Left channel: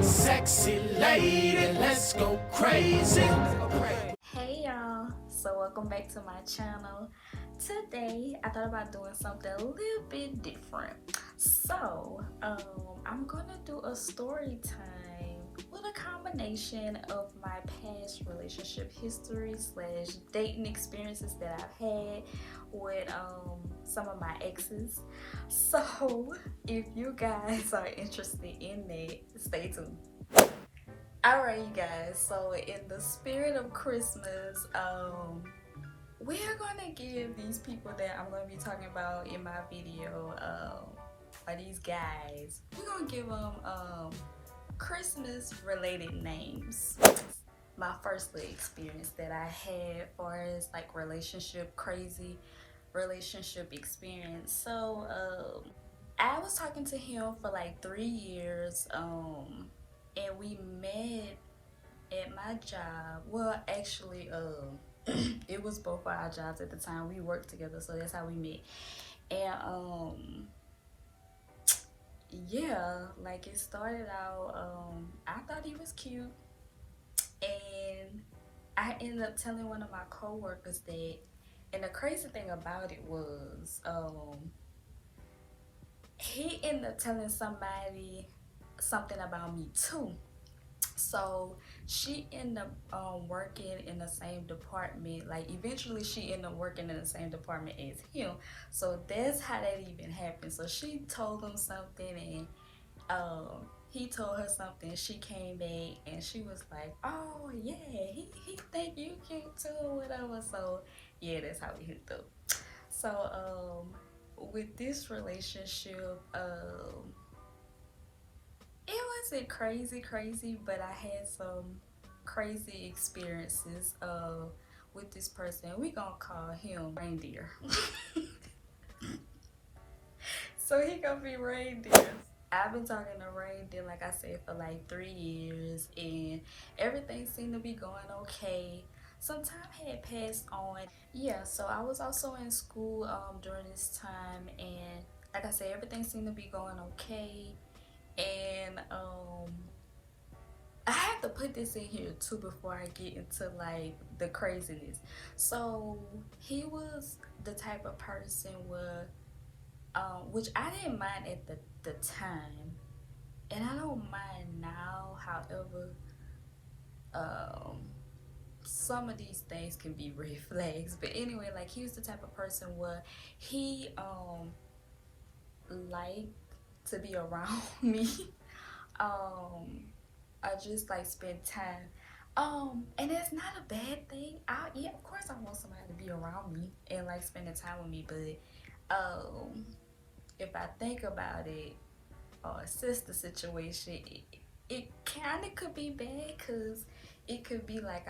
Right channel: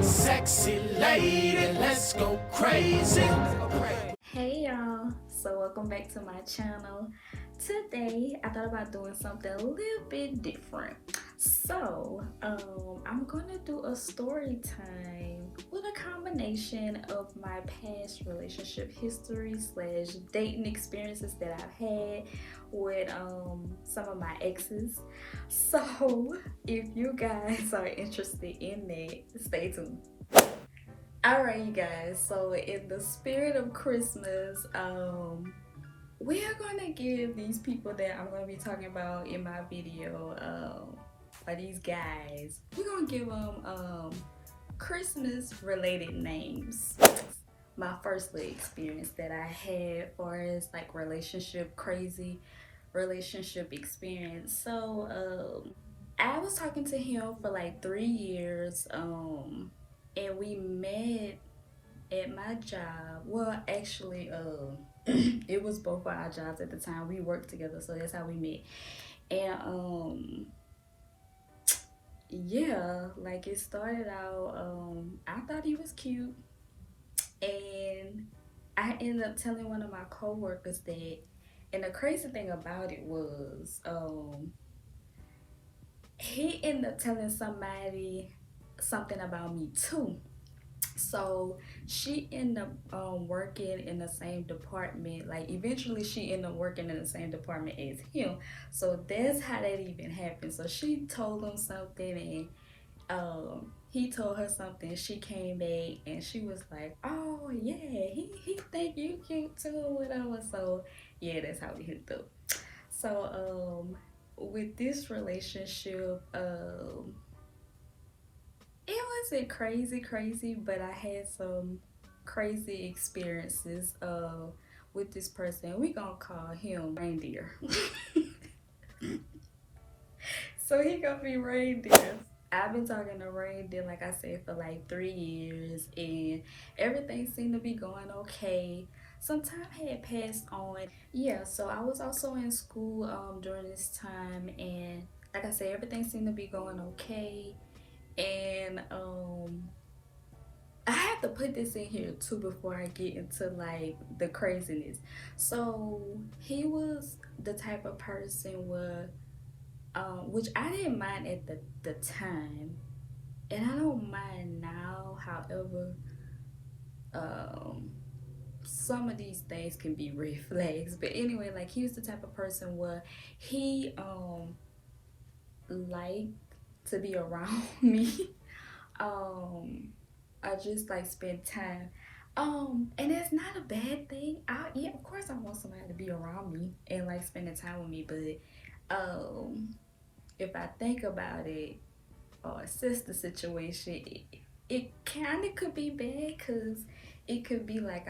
Sexy lady, let's go crazy. Hey y'all, so welcome back to my channel. Today I thought about doing something a little bit different. So I'm gonna do a story time with a combination of my past relationship history / dating experiences that I've had with some of my exes. So if you guys are interested in that, stay tuned. Alright, you guys, so in the spirit of Christmas, we're gonna give these people that I'm gonna be talking about in my video, or these guys, we're gonna give them Christmas related names. My first little experience that I had for as like crazy relationship experience. So I was talking to him for like 3 years, and we met at my job. Well, actually, it was both of our jobs at the time. We worked together, so that's how we met. And yeah, like it started out, I thought he was cute, and I ended up telling one of my coworkers that. And the crazy thing about it was, he ended up telling somebody something about me too. So she ended up working in the same department. Like eventually she ended up working in the same department as him. So that's how that even happened. So she told him something, and he told her something. She came back and she was like, oh yeah, he think you cute too, whatever. So yeah, that's how we hooked up. So with this relationship, it wasn't crazy, but I had some crazy experiences with this person. We gonna call him Reindeer. So he gonna be Reindeer. I've been talking to Reindeer, like I said, for like 3 years, and everything seemed to be going okay. Some time had passed on. Yeah, so I was also in school during this time, and like I said, everything seemed to be going okay. And I have to put this in here too before I get into like the craziness. So he was the type of person where which I didn't mind at the time, and I don't mind now. However, some of these things can be red flags. But anyway, like he was the type of person where he liked to be around me. I just like spend time. And it's not a bad thing. Yeah, of course I want somebody to be around me and like spending time with me, but if I think about it, or assess the situation, it kind of could be bad, because it could be like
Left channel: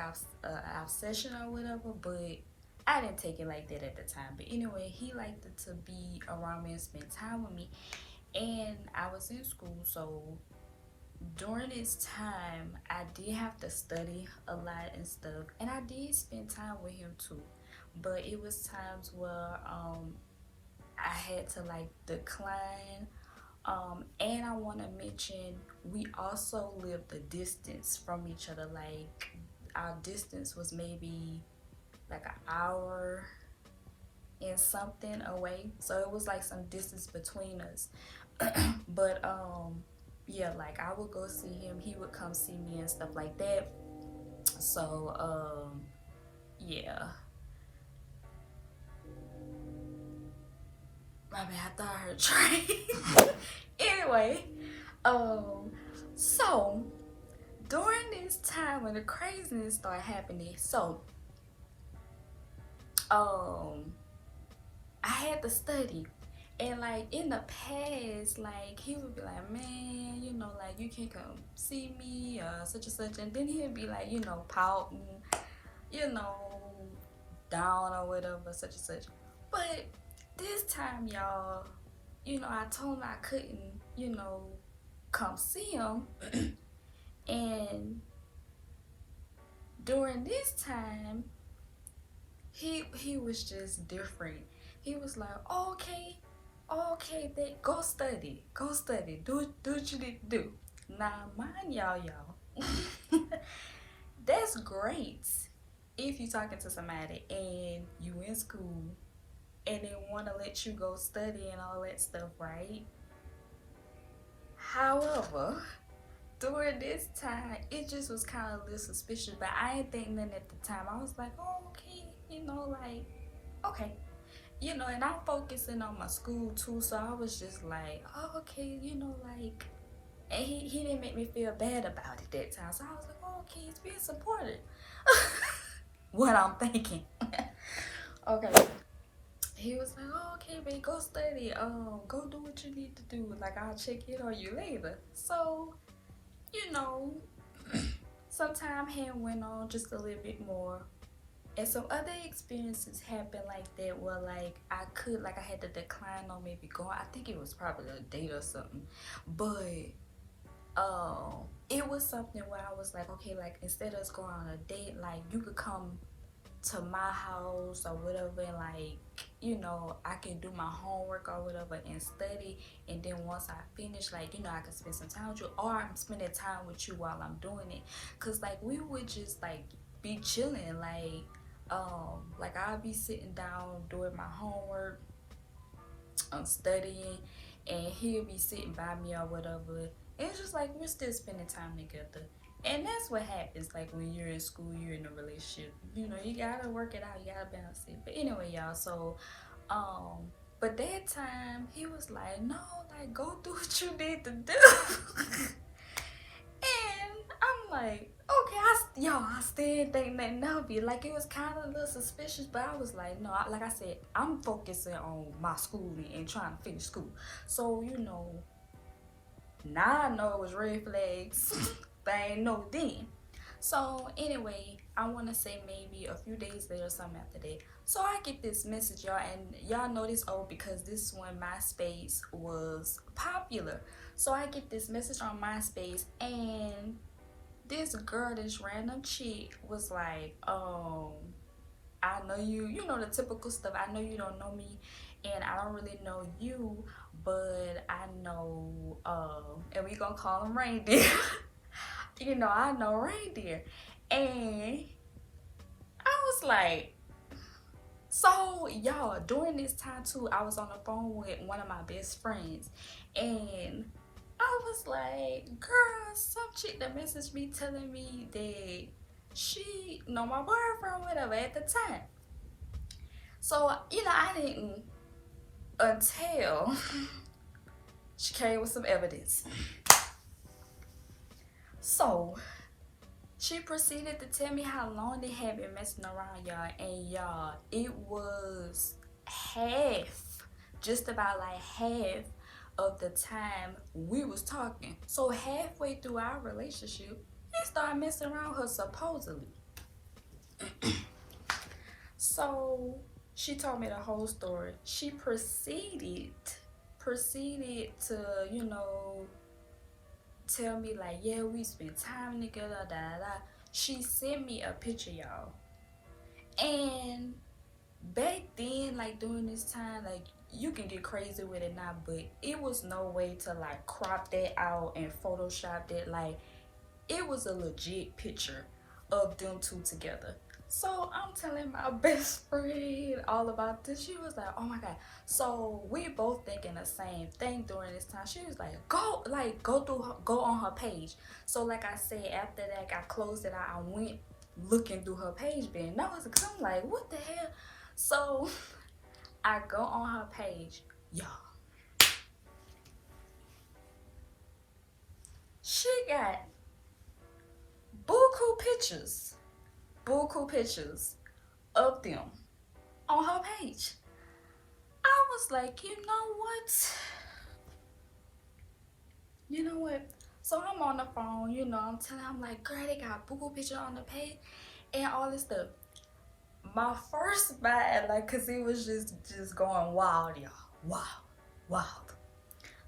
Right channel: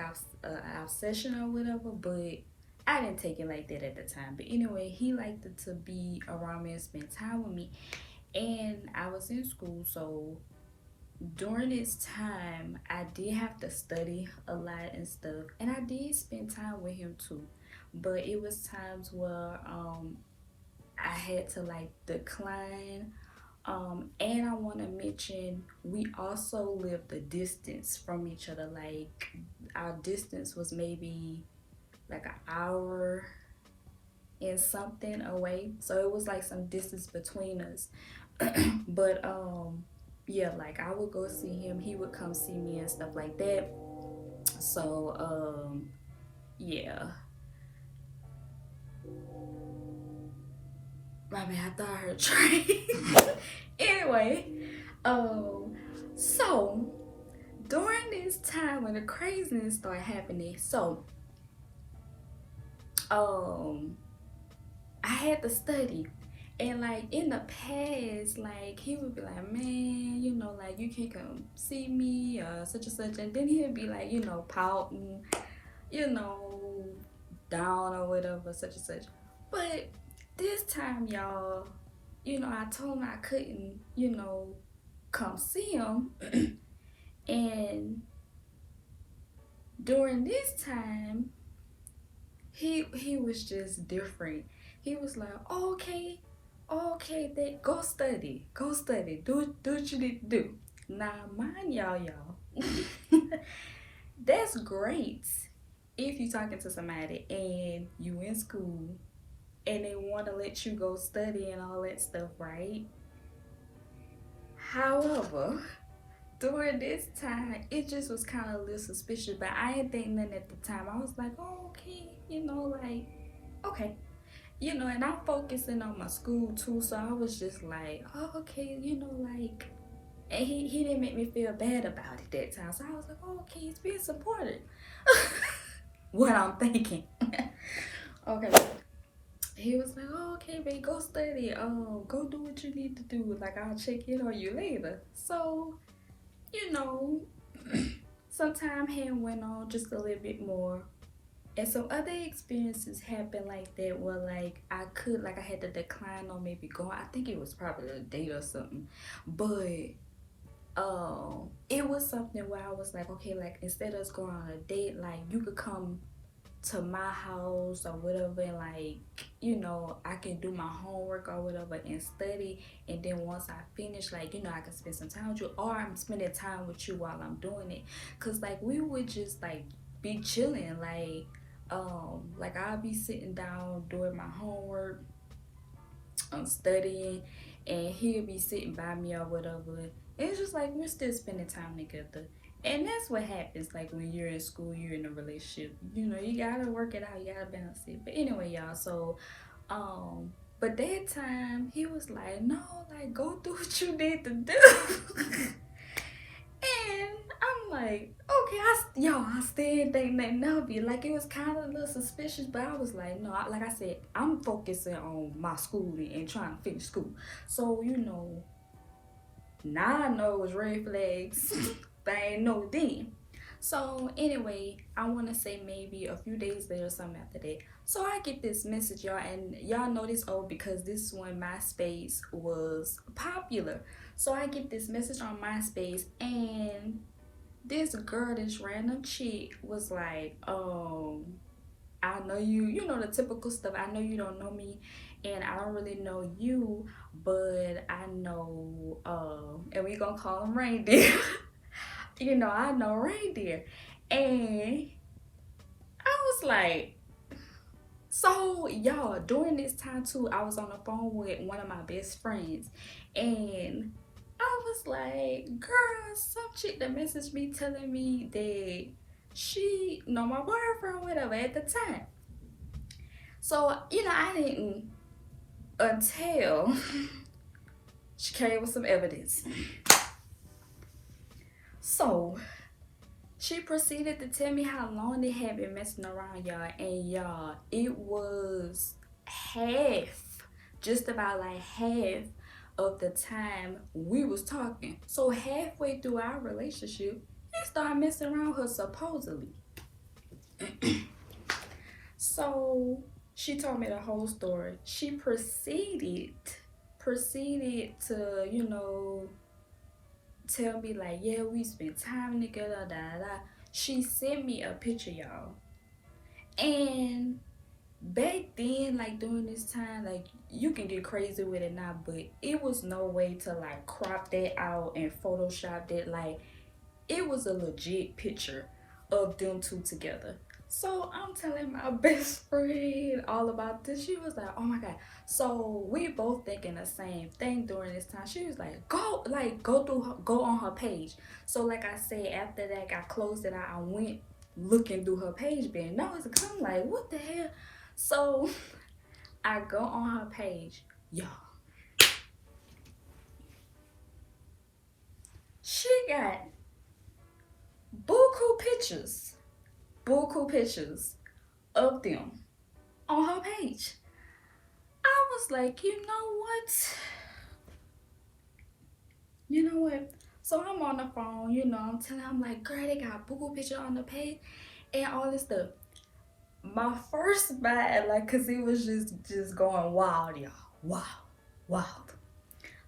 obsession or whatever, but I didn't take it like that at the time. But anyway, he liked to be around me and spend time with me, and I was in school, so during this time I did have to study a lot and stuff, and I did spend time with him too, but it was times where I had to like decline. And I want to mention, we also lived a distance from each other. Like our distance was maybe like an hour and something away, so it was like some distance between us. But yeah, like I would go see him, he would come see me and stuff like that. So yeah, I mean, I thought I heard train. Anyway, so during this time when the craziness started happening, so I had to study. And like in the past, like he would be like, man, you know, like you can't come see me, such and such. And then he'd be like, you know, pouting, you know, down or whatever, such and such. But this time, y'all, you know, I told him I couldn't, you know, come see him. And during this time, he was just different. He was like, oh, okay, Okay, then go study. Go study. Do what you need to do. Now, mind y'all. That's great if you're talking to somebody and you in school and they want to let you go study and all that stuff, right? However, during this time, it just was kind of a little suspicious, but I didn't think nothing at the time. I was like, oh, okay, like, okay. And I'm focusing on my school too, so I was just like, oh, okay, like, and he didn't make me feel bad about it that time, so I was like, oh, okay, he's being supportive. What I'm thinking. Okay. He was like, oh, okay, babe, go study. Go do what you need to do. Like, I'll check in on you later. So, some time had went on just a little bit more. And some other experiences happened like that where, like, I had to decline on maybe going. I think it was probably a date or something. But, it was something where I was like, okay, like, instead of us going on a date, like, you could come to my house or whatever, and like, I can do my homework or whatever and study, and then once I finish, like, I can spend some time with you, or I'm spending time with you while I'm doing it. Cause like we would just like be chilling, like I'll be sitting down doing my homework, I'm studying, and he'll be sitting by me or whatever. It's just like we're still spending time together. And that's what happens, like, when you're in school, you're in a relationship. You gotta work it out, you gotta balance it. But anyway, y'all, so, but that time, he was like, no, like, go do what you need to do. And I'm like, okay, I still didn't think nothing of it. Like, it was kind of a little suspicious, but I was like, no, like I said, I'm focusing on my schooling and trying to finish school. So, now I know it was red flags. But I ain't know then. So anyway, I want to say maybe a few days later or something after that. So I get this message, y'all, and y'all know this because this one, MySpace, was popular. So I get this message on MySpace, and this girl, this random chick, was like, I know you know the typical stuff. I know you don't know me, and I don't really know you, but I know, and we gonna call him Reindeer. I know Reindeer. And I was like, so y'all, during this time too, I was on the phone with one of my best friends, and I was like, girl, some chick that messaged me telling me that she know my boyfriend, whatever, at the time. So, I didn't, until she came with some evidence. So she proceeded to tell me how long they had been messing around, y'all. And y'all, it was just about like half of the time we was talking. So halfway through our relationship, he started messing around with her, supposedly. So she told me the whole story. She proceeded to, tell me like, yeah, we spent time together, da da da. She sent me a picture, y'all. And back then, like, during this time, like, you can get crazy with it now, but it was no way to like crop that out and Photoshop that. Like, it was a legit picture of them two together. So I'm telling my best friend all about this. She was like, oh my god. So we both thinking the same thing during this time. She was like, go on her page. So like I said, after that I closed it out, I went looking through her page, being nosy, because I'm like, what the hell? So I go on her page, y'all. She got buku pictures of them on her page. I was like, you know what? So I'm on the phone, I'm telling her, I'm like, girl, they got buku picture on the page and all this stuff. My first mind, like, cause it was just going wild, y'all. Wild.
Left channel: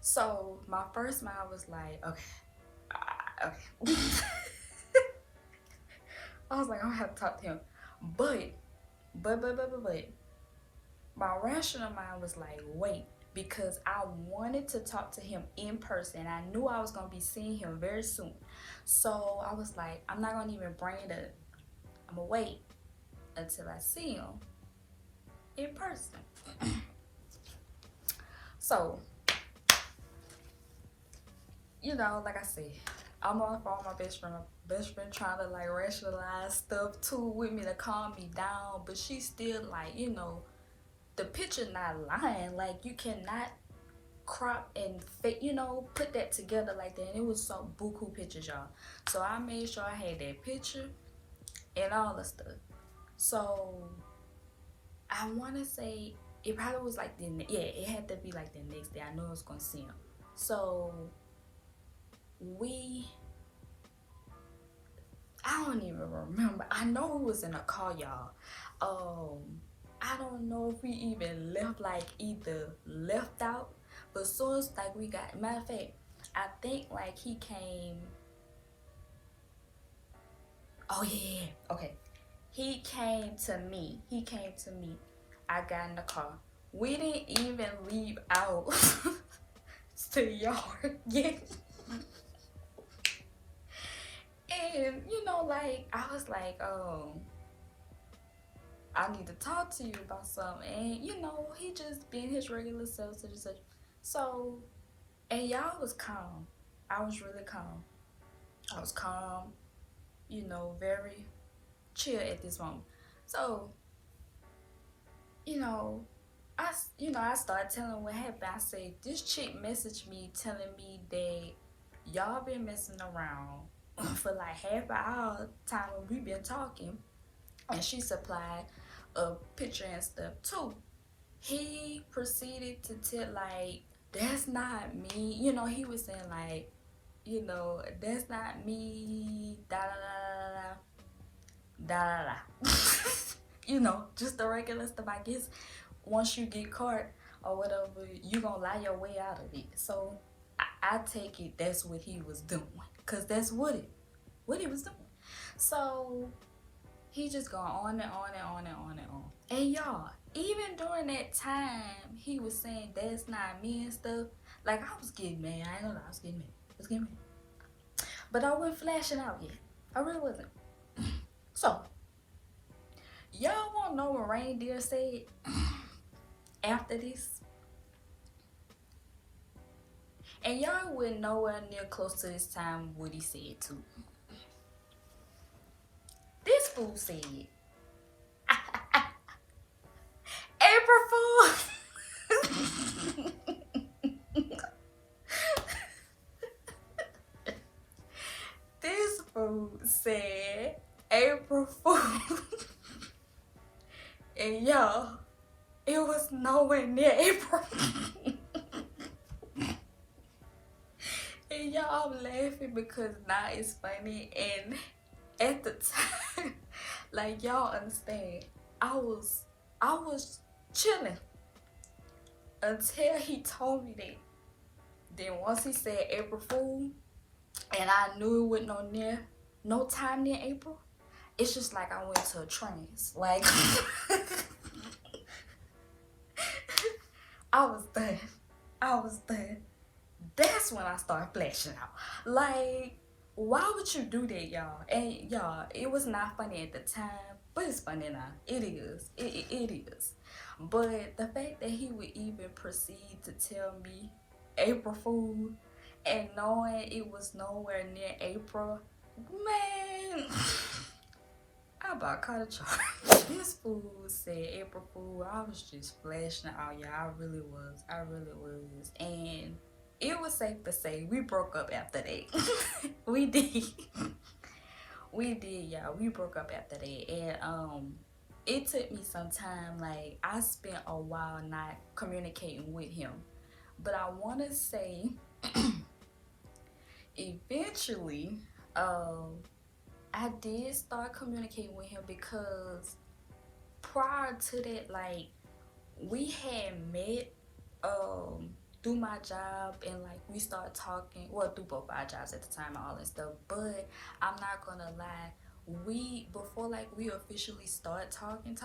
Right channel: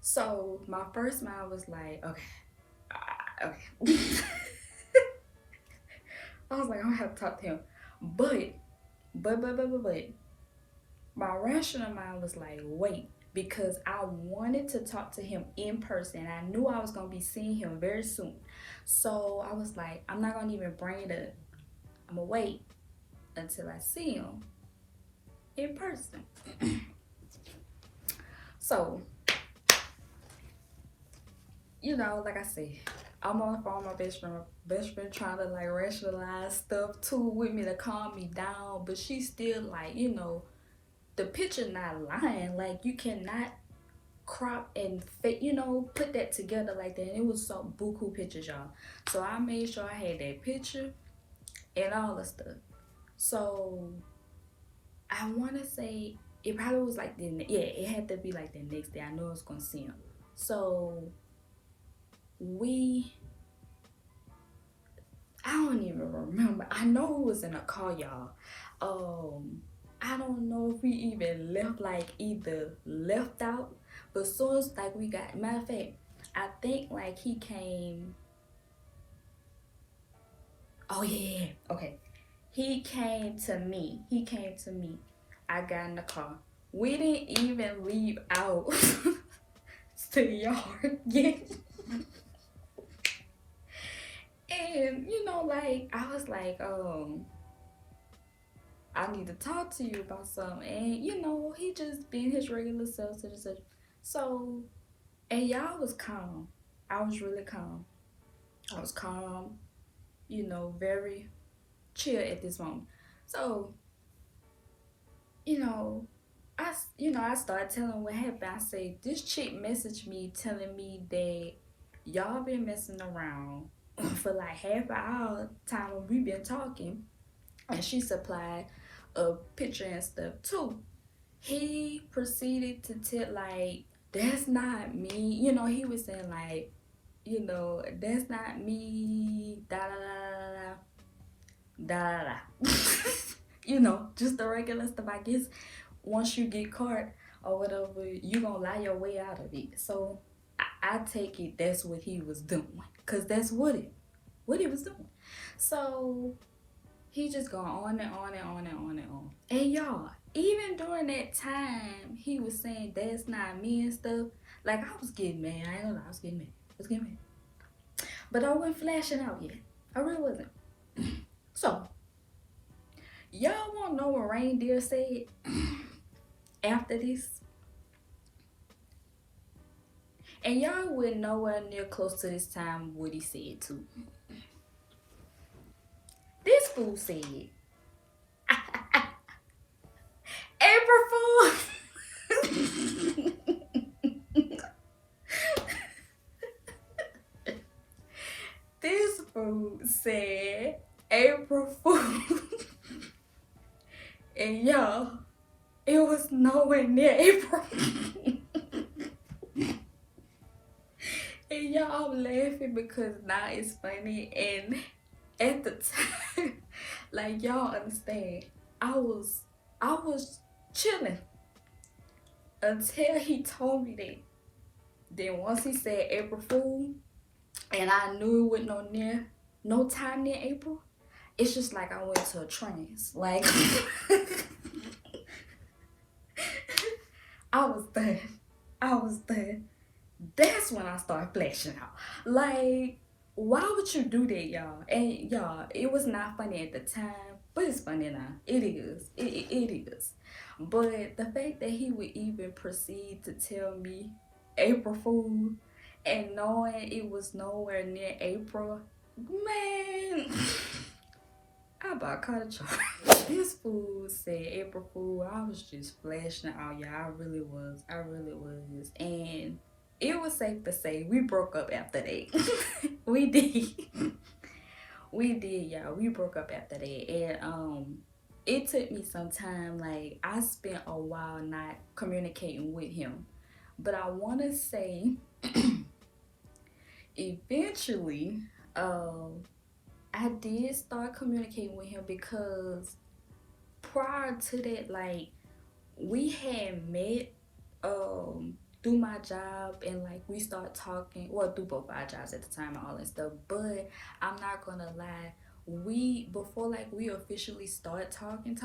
So my first mind was like, okay. I was like, I don't have to talk to him. But my rational mind was like, wait, because I wanted to talk to him in person. I knew I was gonna be seeing him very soon. So I was like, I'm not gonna even bring it up. I'm gonna wait until I see him in person. So, you know, like I said, I'm on the phone with my best friend. My best friend trying to like rationalize stuff too with me to calm me down, but she's still like, you know, the picture not lying. Like, you cannot crop and fit, you know, put that together like that. And it was some buku pictures, y'all. So I made sure I had that picture and all the stuff. So I want to say it probably was like it had to be like the next day. I knew I was gonna see him. So I don't even remember. I know it was in a car, y'all. I don't know if we even left, like either left out, but soon as like we got, matter of fact, I think like he came. Oh yeah, okay. He came to me. I got in the car. We didn't even leave out to the yard yet. And you know, like I was like, I need to talk to you about something. And you know, he just being his regular self, such and such. So, and y'all was calm. I was really calm. I was calm, you know, very chill at this moment. So, you know, I started telling him what happened. I said, this chick messaged me telling me that y'all been messing around for like half an hour time when we been talking, and she supplied a picture and stuff too. He proceeded to tell like, that's not me. You know, he was saying like, you know, that's not me. Da da da da da da. You know, just the regular stuff. I guess once you get caught or whatever, you gonna lie your way out of it. So I take it that's what he was doing, cause that's what he was doing. So he just going on and on and on and on and on. And y'all, even during that time, he was saying that's not me and stuff. Like, I was getting mad. I ain't gonna lie, I was getting mad. But I wasn't flashing out yet. I really wasn't. So, y'all wanna know what Reindeer said after this? And y'all wouldn't nowhere near close to this time what he said too. This fool said, April Fool. This fool said, April Fool. And y'all, it was nowhere near April. And y'all, I'm laughing because now it's funny. And at the time, like, y'all understand, I was chilling until he told me that. Then once he said April Fool, and I knew it wasn't no time near April, it's just like I went to a trance. Like, I was done. That's when I started flashing out. Like, why would you do that, y'all? And y'all, it was not funny at the time, but it's funny now. It is. It is. But the fact that he would even proceed to tell me April Fool, and knowing it was nowhere near April, man, I about caught a charge. This fool said April Fool. I was just flashing out, y'all. I really was. And it was safe to say we broke up after that. We did. We did, y'all. We broke up after that. And it took me some time. Like, I spent a while not communicating with him. But I want to say, eventually, I did start communicating with him, because prior to that, like, we had met through my job, and like we started talking, well, through both our jobs at the time and all that stuff. But I'm not gonna lie, before like we officially start talking,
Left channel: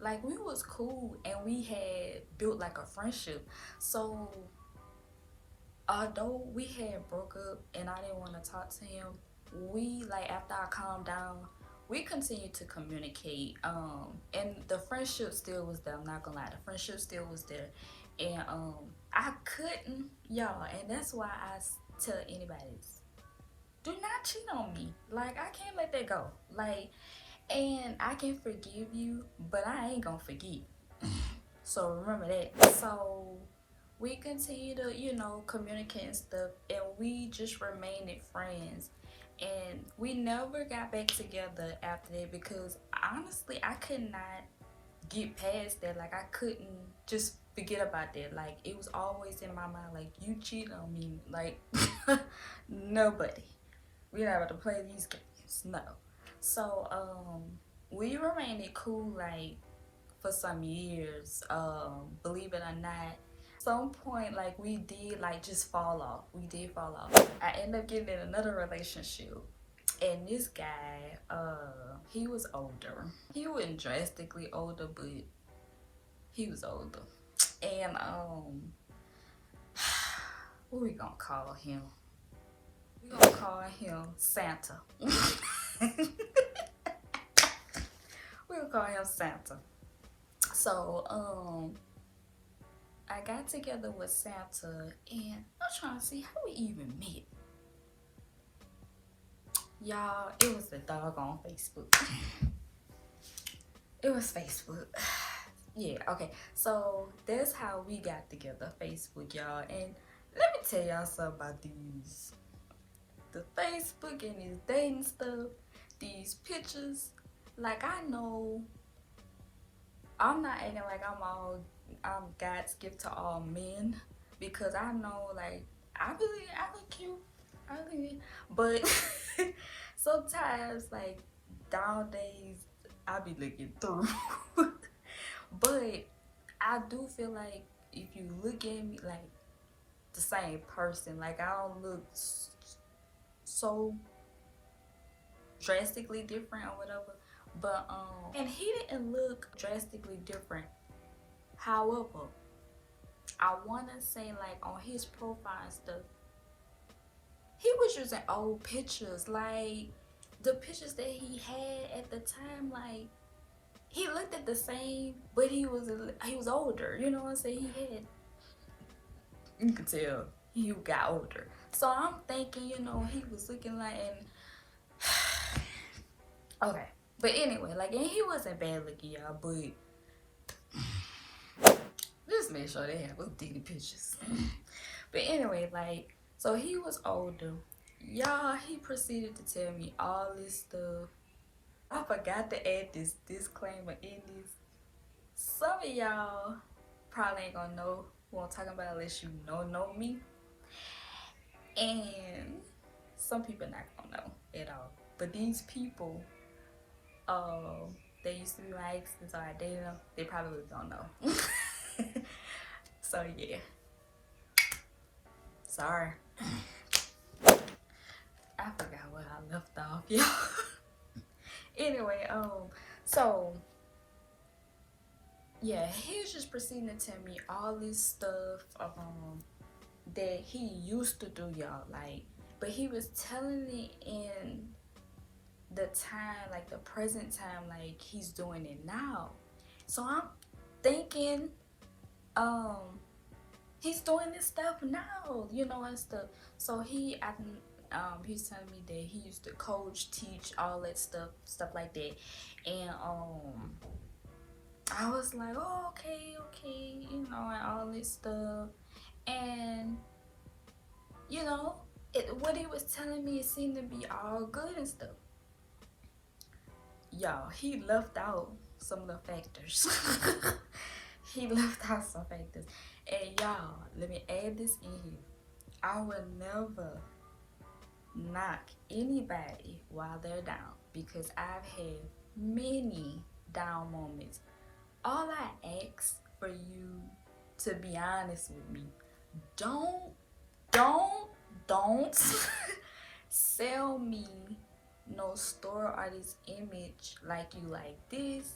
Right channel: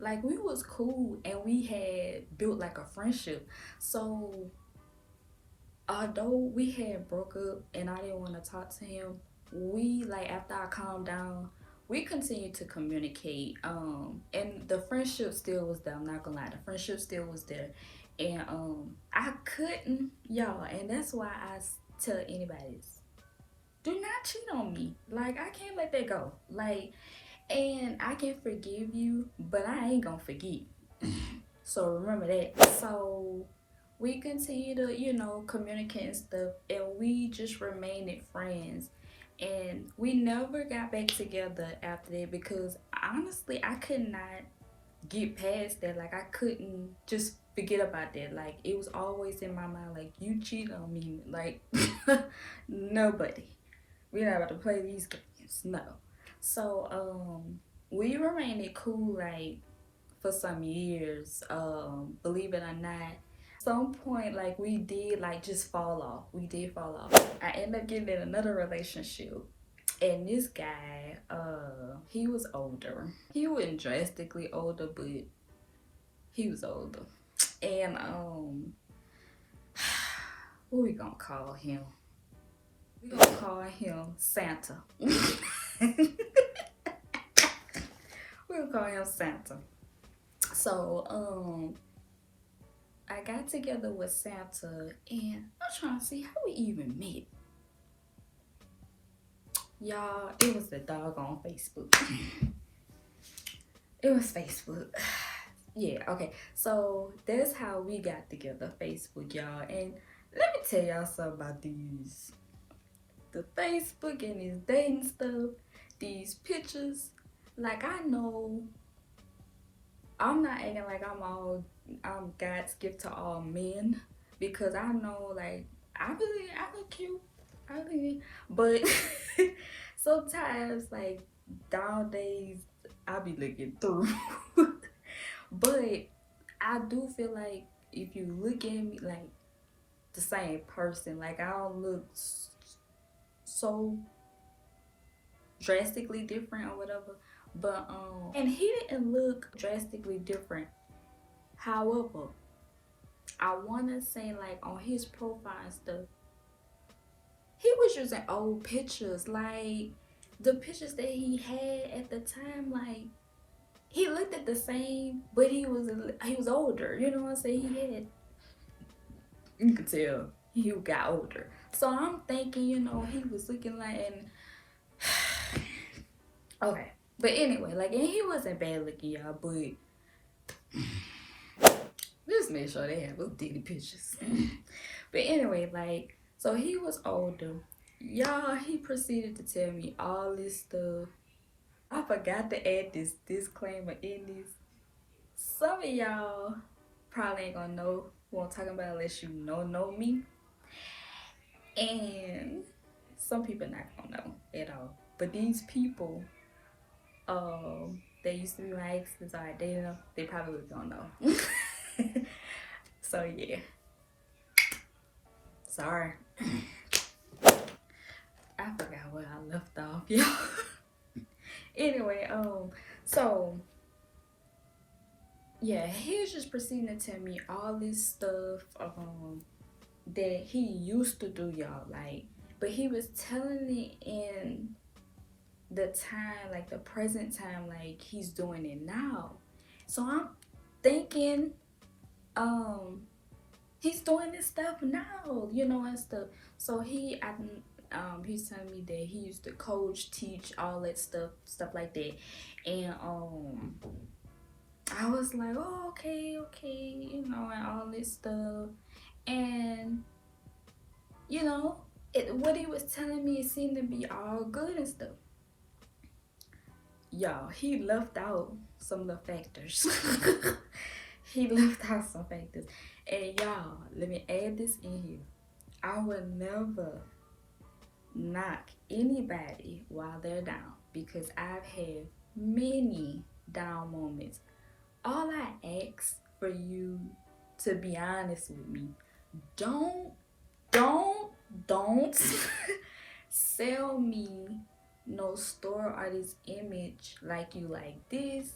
like we was cool and we had built like a friendship. So although we had broke up and I didn't want to talk to him, we like after I calmed down, we continued to communicate. And the friendship still was there. I'm not gonna lie, the friendship still was there. And I couldn't, y'all, and that's why I tell anybody, do not cheat on me. Like, I can't let that go. Like, and I can forgive you, but I ain't gonna forget. So remember that. So we continue to, you know, communicate and stuff, and we just remained friends. And we never got back together after that because honestly, I could not get past that. Like, I couldn't just forget about that. Like, it was always in my mind, like, you cheated on me. Like, nobody. We're not about to play these games. No. So, we remained cool, like, for some years. Believe it or not. Some point, like, we did, like, just fall off. We did fall off. I ended up getting in another relationship. And this guy, he was older. He wasn't drastically older, but he was older. And, what we gonna call him? We gonna call him Santa. We gonna call him Santa. So, I got together with Santa, and I'm trying to see how we even met. Y'all, it was the doggone Facebook. It was Facebook. Yeah, okay. So that's how we got together, Facebook, y'all. And let me tell y'all something about these. The Facebook and this dating stuff, these pictures. Like, I know I'm not acting like I'm God's gift to all men, because I know, like, I look cute. But sometimes, like, nowadays, I be looking through. But I do feel like if you look at me like the same person, like, I don't look so drastically different or whatever. But and he didn't look drastically different. However, I wanna say, like, on his profile and stuff, he was using old pictures, like the pictures that he had at the time. Like, he looked at the same, but he was older. You know what I'm saying? You could tell he got older. So I'm thinking, you know, he was looking like, and okay. But anyway, like, and he wasn't bad looking, y'all, but just make sure they have those daily pictures. But anyway, like, so he was older. Y'all, he proceeded to tell me all this stuff. I forgot to add this disclaimer in this. Some of y'all probably ain't gonna know who I'm talking about unless you know me. And some people not gonna know at all. But these people, they used to be my exes, or I dated them, they probably don't know. So yeah. Sorry. I forgot where I left off, y'all. Anyway, so yeah, he was just proceeding to tell me all this stuff that he used to do, y'all. Like, but he was telling it in the time, like the present time, like he's doing it now. So I'm thinking, he's doing this stuff now, you know, and stuff. So he's telling me that he used to coach, teach, all that stuff like that. And I was like, oh, okay, you know, and all this stuff. And you know, what he was telling me, it seemed to be all good and stuff. Y'all, he left out some little factors. He left out some factors. And y'all, let me add this in here. I would never knock anybody while they're down, because I've had many down moments. All I ask for you to be honest with me. Don't sell me no store or this image like you like this,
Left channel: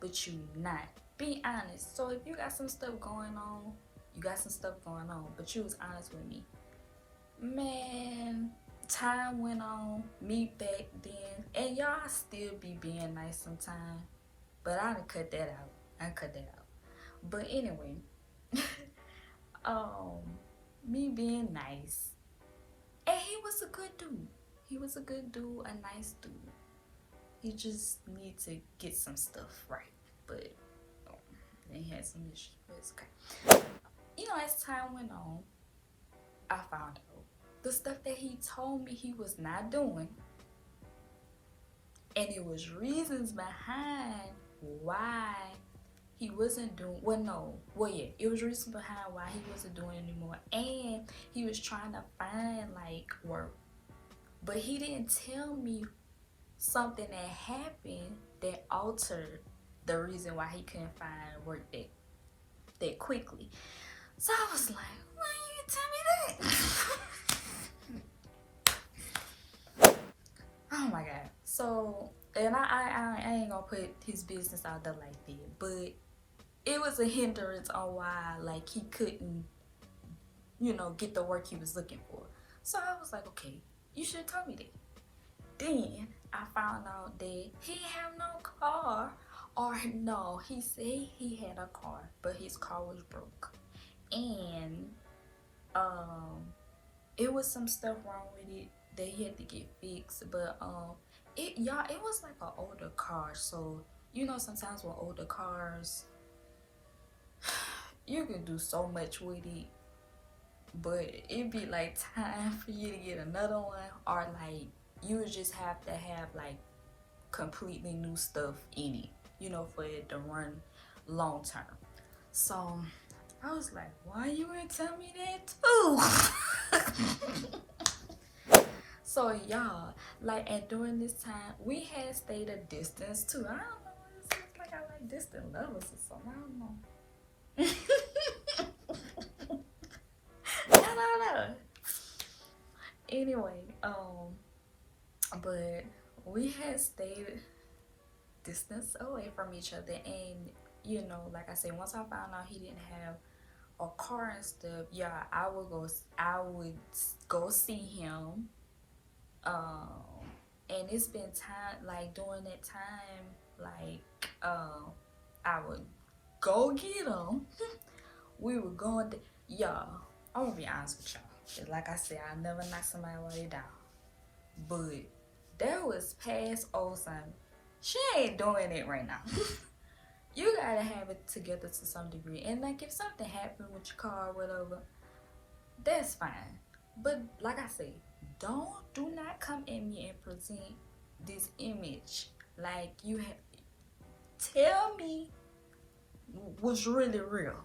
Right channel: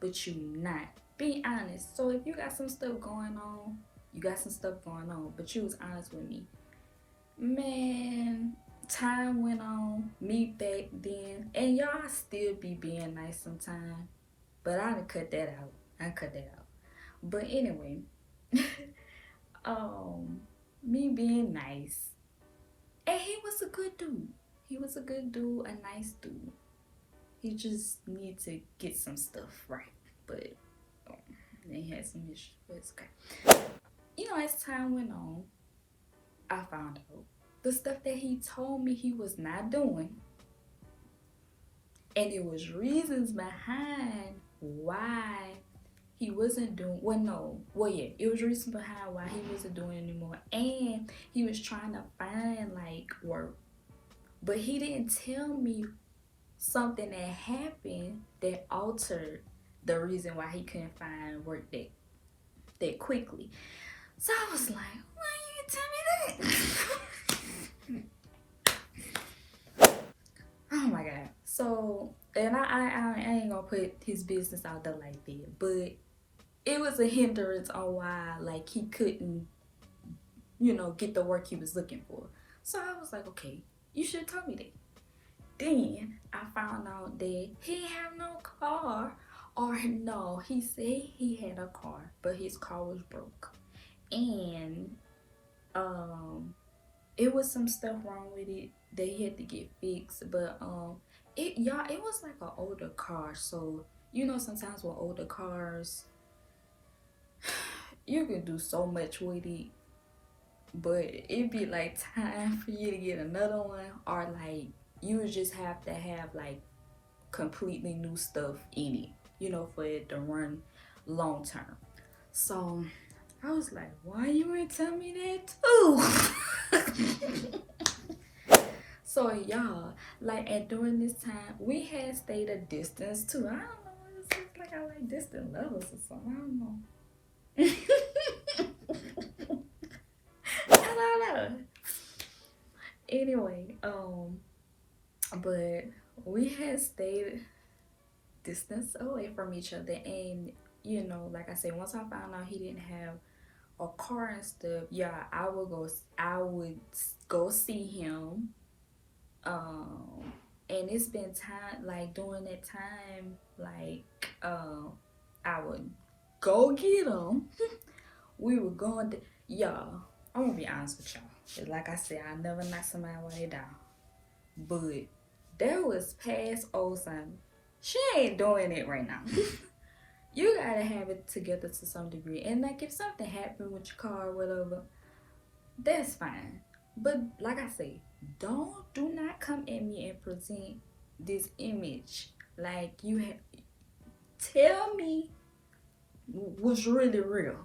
but you not. Be honest. So if you got some stuff going on, you got some stuff going on, but you was honest with me. Man, time went on, me back then, and y'all still be being nice sometimes, but I done cut that out. But anyway, me being nice, and he was a good dude. He was a good dude, a nice dude. He just need to get some stuff right, but he had some issues, but it's okay. You know, as time went on, I found out the stuff that he told me he was not doing, and it was reasons behind why he wasn't doing, it was reasons behind why he wasn't doing it anymore, and he was trying to find like work, but he didn't tell me something that happened that altered the reason why he couldn't find work that quickly. So I was like, why you tell me that? Oh my god. So, and I ain't gonna put his business out there like that, but it was a hindrance on why like he couldn't, get the work he was looking for. So I was like, okay, you should have told me that. Then I found out that he didn't have no car, or no, he said he had a car, but his car was broke, and it was some stuff wrong with it that he had to get fixed. But it was like an older car, so sometimes with older cars you can do so much with it, but it'd be like time for you to get another one, or like you would just have to have like completely new stuff in it, for it to run long term. So I was like, why you ain't tell me that too? So y'all, like, and during this time we had stayed a distance too. I don't know what it seems like. I like distant lovers or something. I don't know. I don't know. Anyway, but we had stayed distance away from each other, and like I said, once I found out he didn't have a car and stuff, I would go see him. And it's been time, like during that time, like I would go get him. We were going to, I'm gonna be honest with y'all. Like I said, I never knock somebody while they're down. But that was past old son. She ain't doing it right now. You gotta have it together to some degree. And like if something happened with your car or whatever, that's fine. But like I say, do not come at me and present this image like you tell me what's really real.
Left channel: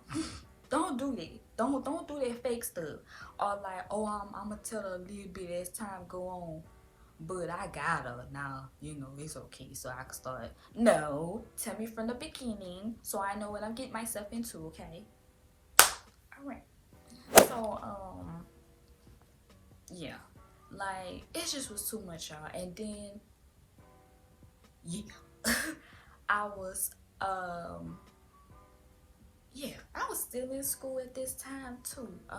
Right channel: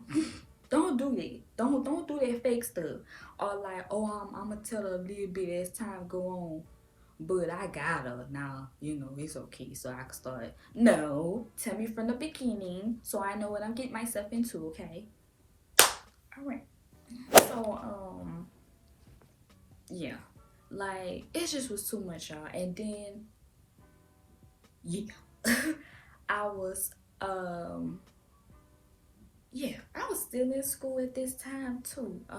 Don't do that. Don't do that fake stuff. Or like, oh, I'm gonna tell her a little bit as time go on, but I got her now. It's okay, so I can start. No, tell me from the beginning so I know what I'm getting myself into. Okay. All right. So yeah, like it just was too much, y'all. And then I was I was still in school at this time too. I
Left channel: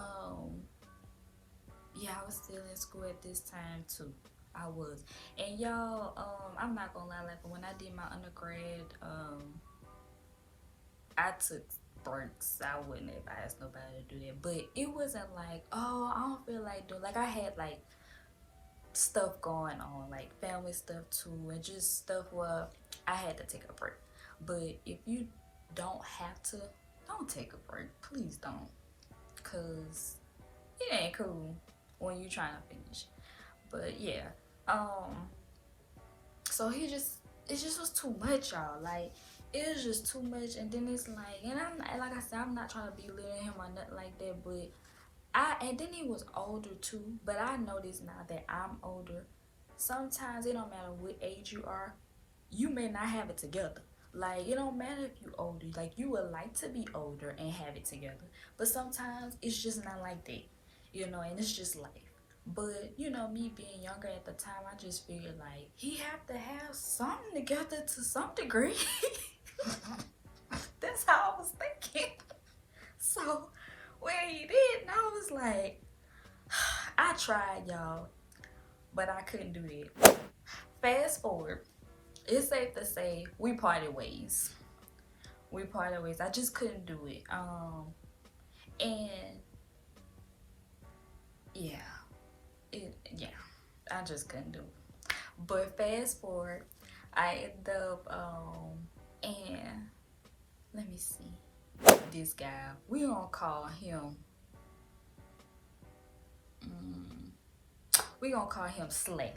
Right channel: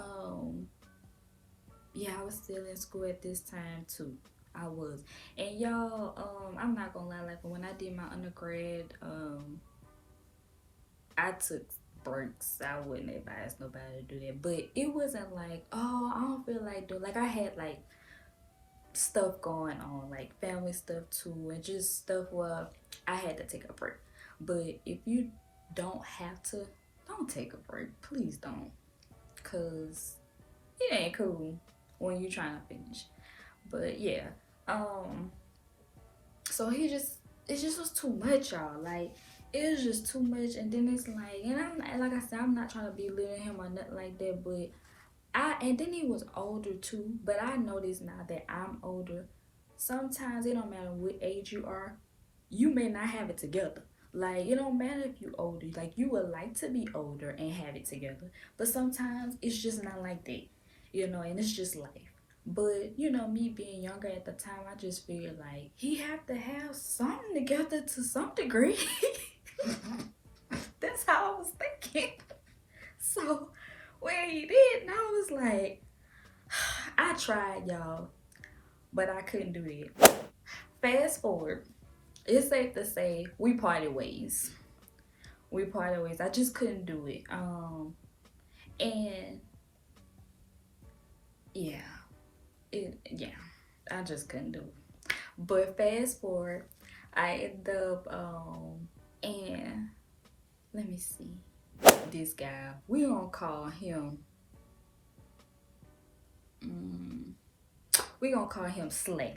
was still in school at this time too. I was. And y'all, I'm not gonna lie, like when I did my undergrad, I took breaks. I wouldn't advise nobody to do that. But it wasn't like, oh, I don't feel like doing, like I had like stuff going on, like family stuff too, and just stuff where I had to take a break. But if you don't have to, don't take a break. Please don't. Cause it ain't cool when you trying to finish. But yeah, so it just was too much, y'all. Like it was just too much. And then it's like, and like I said, I'm not trying to belittle him or nothing like that, but and then he was older too. But I noticed now that I'm older, sometimes it don't matter what age you are, you may not have it together. Like it don't matter if you older, like you would like to be older and have it together, but sometimes it's just not like that, and it's just life. But you know, me being younger at the time, I just figured like he have to have something together to some degree. That's how I was thinking. So when he did, and I was like, I tried, y'all, but I couldn't do it. Fast forward, it's safe to say we parted ways. We parted ways. I just couldn't do it. And yeah, yeah, I just couldn't do it. But fast forward, I ended up and let me see. This guy, we gonna call him we gonna call him Slay.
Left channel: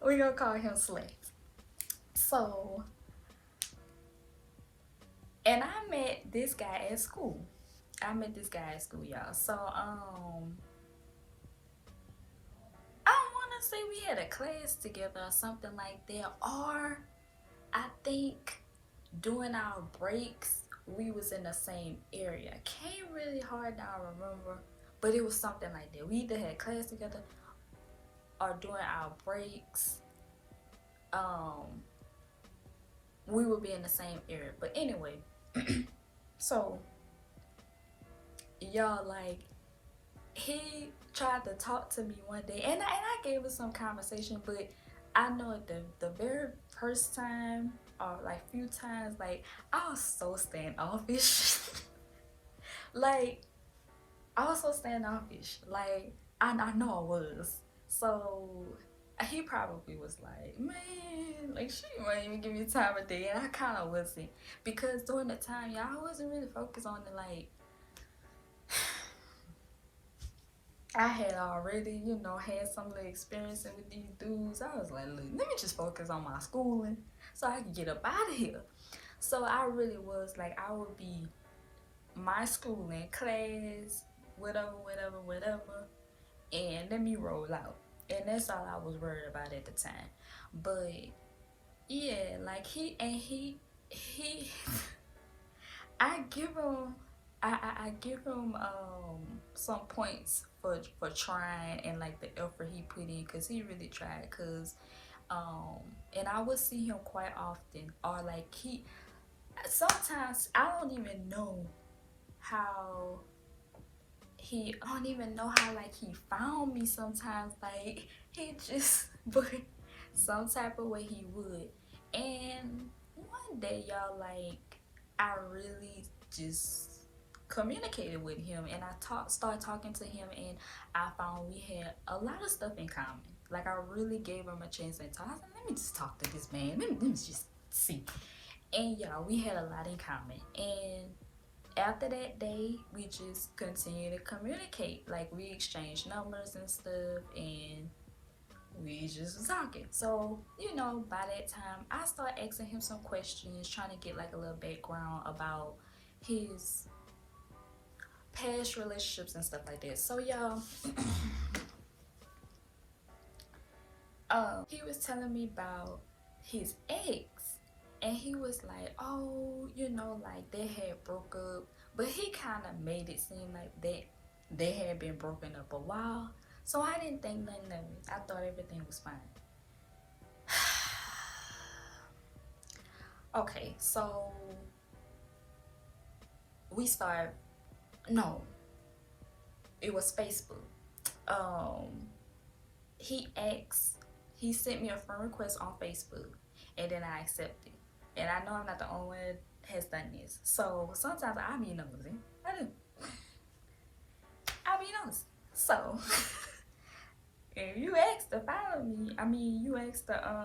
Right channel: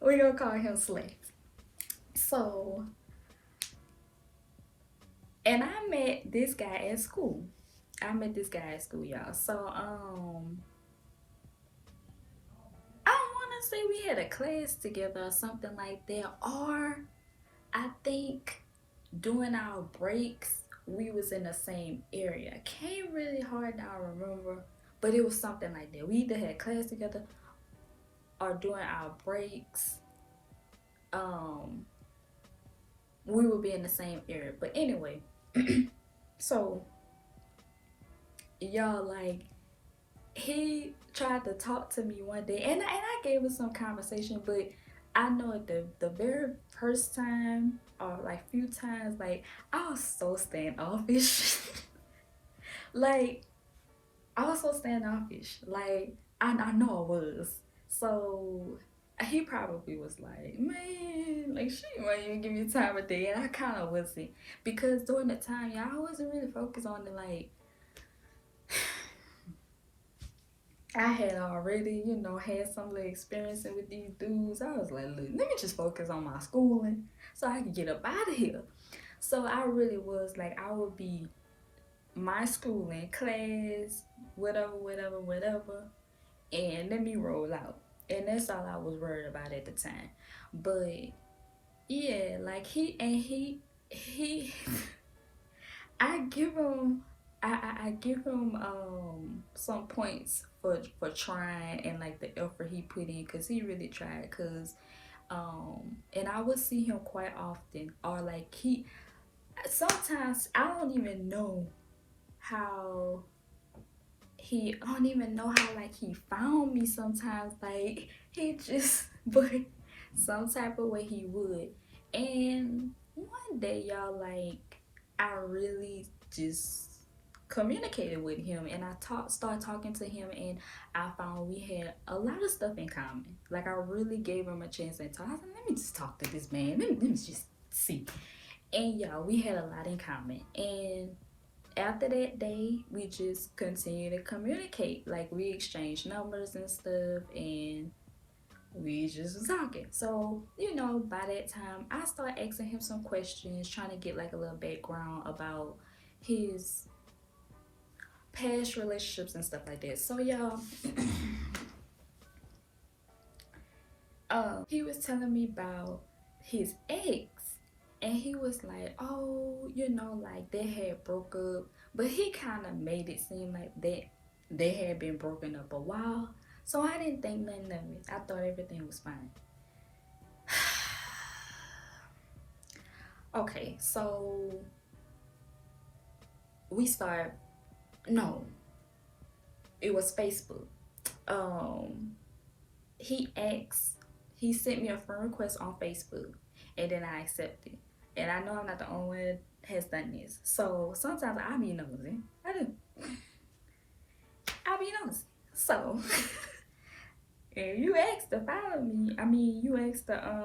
We gonna call him Slay. So, and I met this guy at school. Y'all. So, I don't wanna say we had a class together or something like that, or I think during our breaks we was in the same area. Can't really hard now remember, but it was something like that. We either had class together or during our breaks, we would be in the same area. But anyway, so y'all, like, he tried to talk to me one day, and I gave it some conversation, but I know the very first time or like few times, like, I was so standoffish. Like, I was so standoffish. Like, I know I was. So he probably was like, man, like, she won't even give you time of day. And I kind of wasn't, because during the time, y'all, I wasn't really focused on it. Like, I had already, you know, had some little experience with these dudes. I was like, look, let me just focus on my schooling so I can get up out of here. So I really was like, I would be my schooling, class, whatever, and let me roll out. And that's all I was worried about at the time. But yeah, like he I give him I give him some points for trying and like the effort he put in, because he really tried. Because and I would see him quite often, or like he sometimes I don't even know how like he found me sometimes. Like, he just but some type of way he would. And one day, y'all, like, I really just communicated with him, and I started talking to him, and I found we had a lot of stuff in common. Like, I really gave him a chance and talk. I said, let me just talk to this man. Let me just see. And yeah, we had a lot in common. And after that day, we just continued to communicate. Like, we exchanged numbers and stuff, and we just was talking. So, you know, by that time, I started asking him some questions, trying to get like a little background about his past relationships and stuff like that. So, y'all, he was telling me about his ex, and he was like, oh, you know, like, they had broke up, but he kind of made it seem like that they had been broken up a while. So I didn't think nothing of it. I thought everything was fine. Okay, so we start. No, it was Facebook. He sent me a friend request on Facebook, and then I accepted. And I know I'm not the only one that has done this. So sometimes I be nosy. I do. I be nosy. So if you ask to follow me, you ask to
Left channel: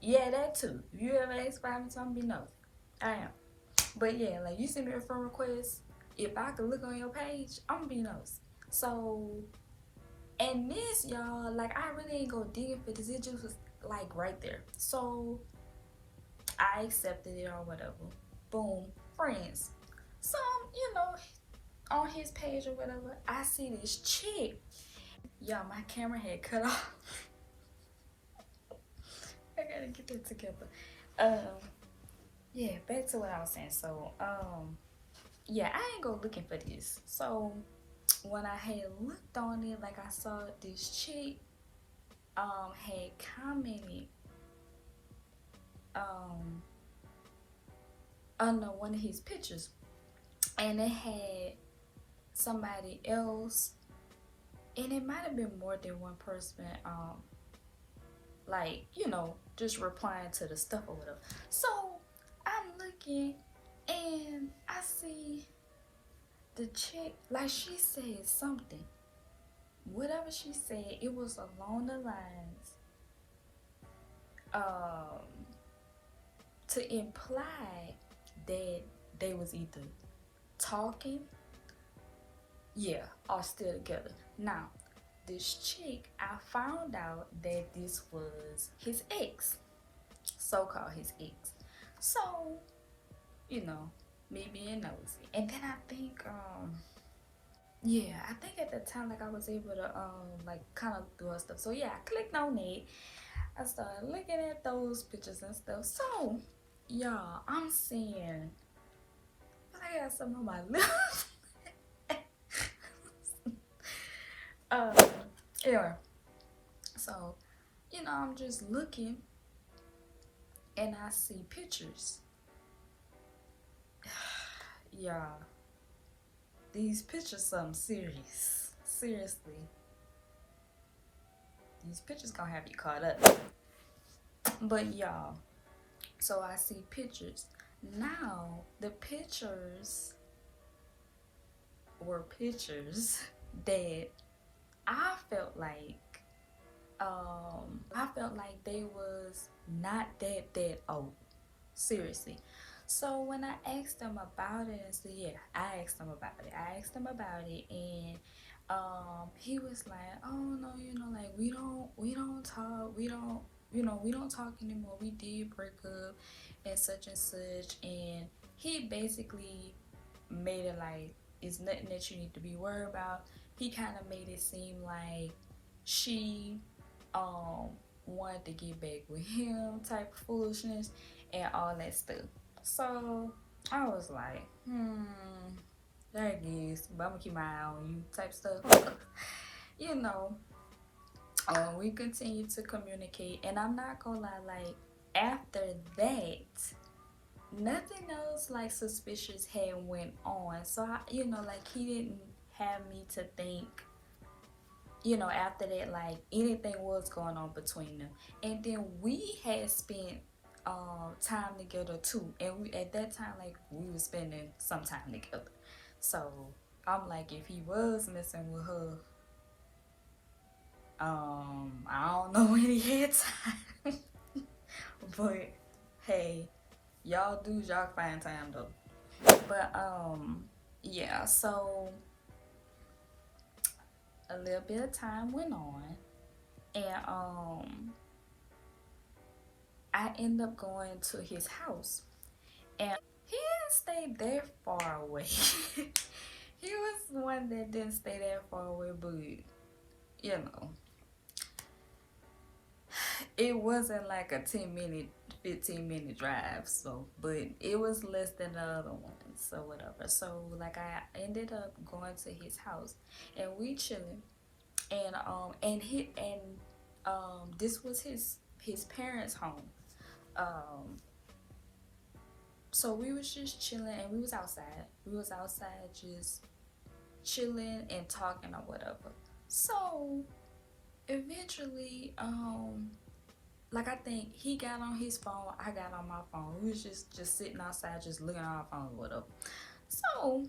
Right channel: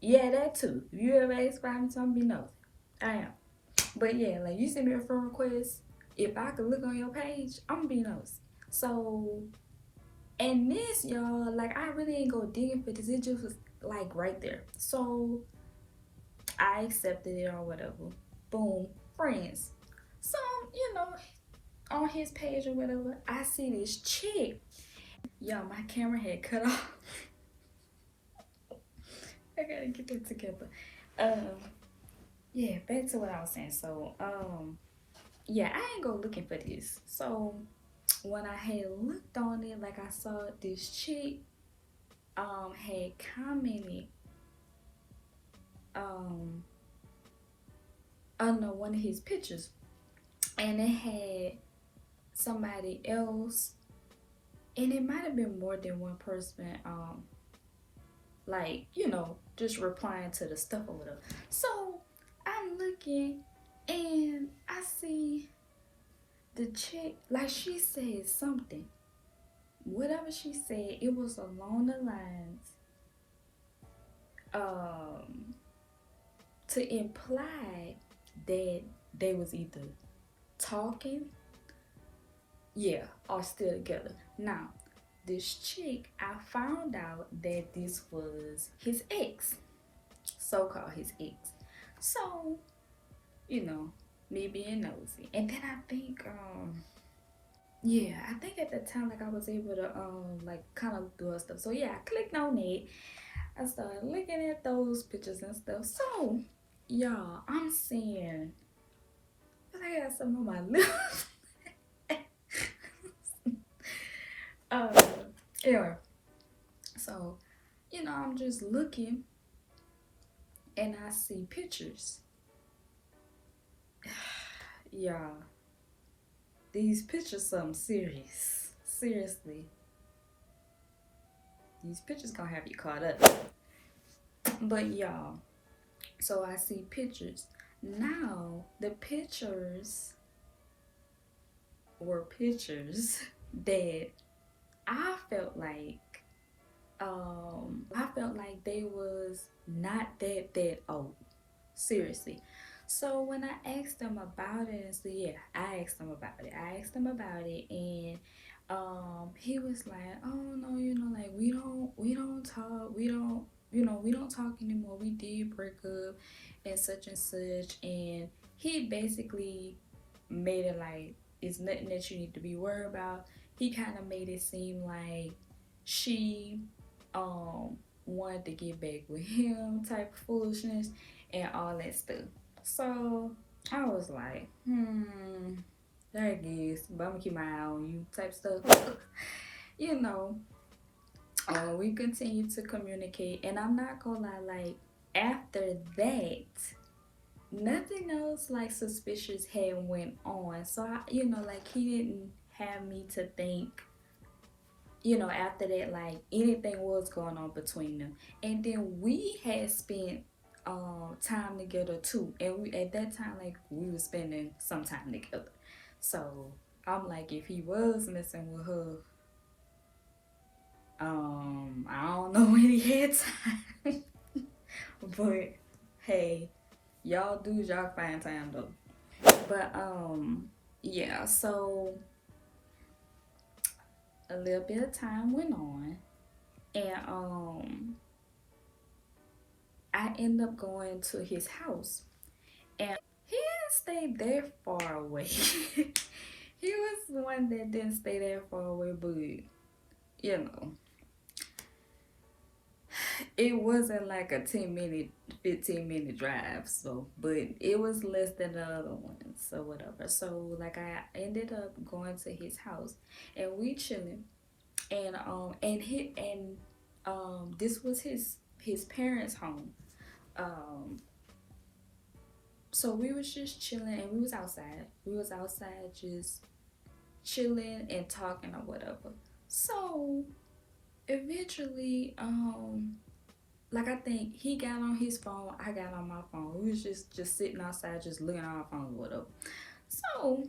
yeah, that too. If you ever ask to follow me, I'm be nosy. I am. But yeah, like, you send me a friend request, if I could look on your page, I'm gonna be nosy. So, and this, y'all, like, I really ain't go digging for this. It just was like right there. So I accepted it or whatever. Boom, friends. So, you know, on his page or whatever, I see this chick. Y'all, my camera had cut off. I gotta get that together. Yeah, back to what I was saying. So, yeah, I ain't go looking for this. So when I had looked on it, like I saw this chick had commented um under one of his pictures, and it had somebody else, and it might have been more than one person, like, you know, just replying to the stuff or whatever. So I'm looking and I see the chick, like, she said something. Whatever she said, it was along the lines to imply that they was either talking, yeah, or still together. Now, this chick, I found out that this was his ex, so-called his ex. So, you know, me being nosy. And then I think, yeah, I think at the time, like, I was able to, like, kind of do stuff. So, yeah, I clicked on it. I started looking at those pictures and stuff. So, y'all, I'm seeing, I got some on my lips. Anyway, so, you know, I'm just looking and I see pictures. Y'all, these pictures something serious. Seriously. These pictures gonna have you caught up. But y'all, so I see pictures. Now, the pictures were pictures that I felt like they was not that old. Seriously. So when I asked them about it, and so yeah, I asked them about it, and he was like, oh no, you know, like we don't talk, we don't talk anymore. We did break up and such, and he basically made it like it's nothing that you need to be worried about. He kind of made it seem like she wanted to get back with him, type of foolishness and all that stuff. So I was like, there it is, but I'm gonna keep my eye on you, type stuff. You know, we continue to communicate, and I'm not gonna lie, like after that, nothing else like suspicious had went on. So I, you know, like he didn't have me to think, you know, after that, like anything was going on between them. And then we had spent time together too, and we at that time, like we were spending some time together. So I'm like, if he was messing with her, I don't know when he had time. But hey, y'all dudes, y'all find time though. But yeah, so a little bit of time went on, and I end up going to his house, and he didn't stay that far away. He was the one that didn't stay that far away, but you know, it wasn't like a 10-minute, 15-minute drive. So, but it was less than the other ones, so whatever. So like I ended up going to his house, and we chilling, and this was his parents' home. So we was just chilling, and we was outside just chilling and talking or whatever. So eventually, like I think he got on his phone, I got on my phone. We was just sitting outside, just looking at our phones or whatever. So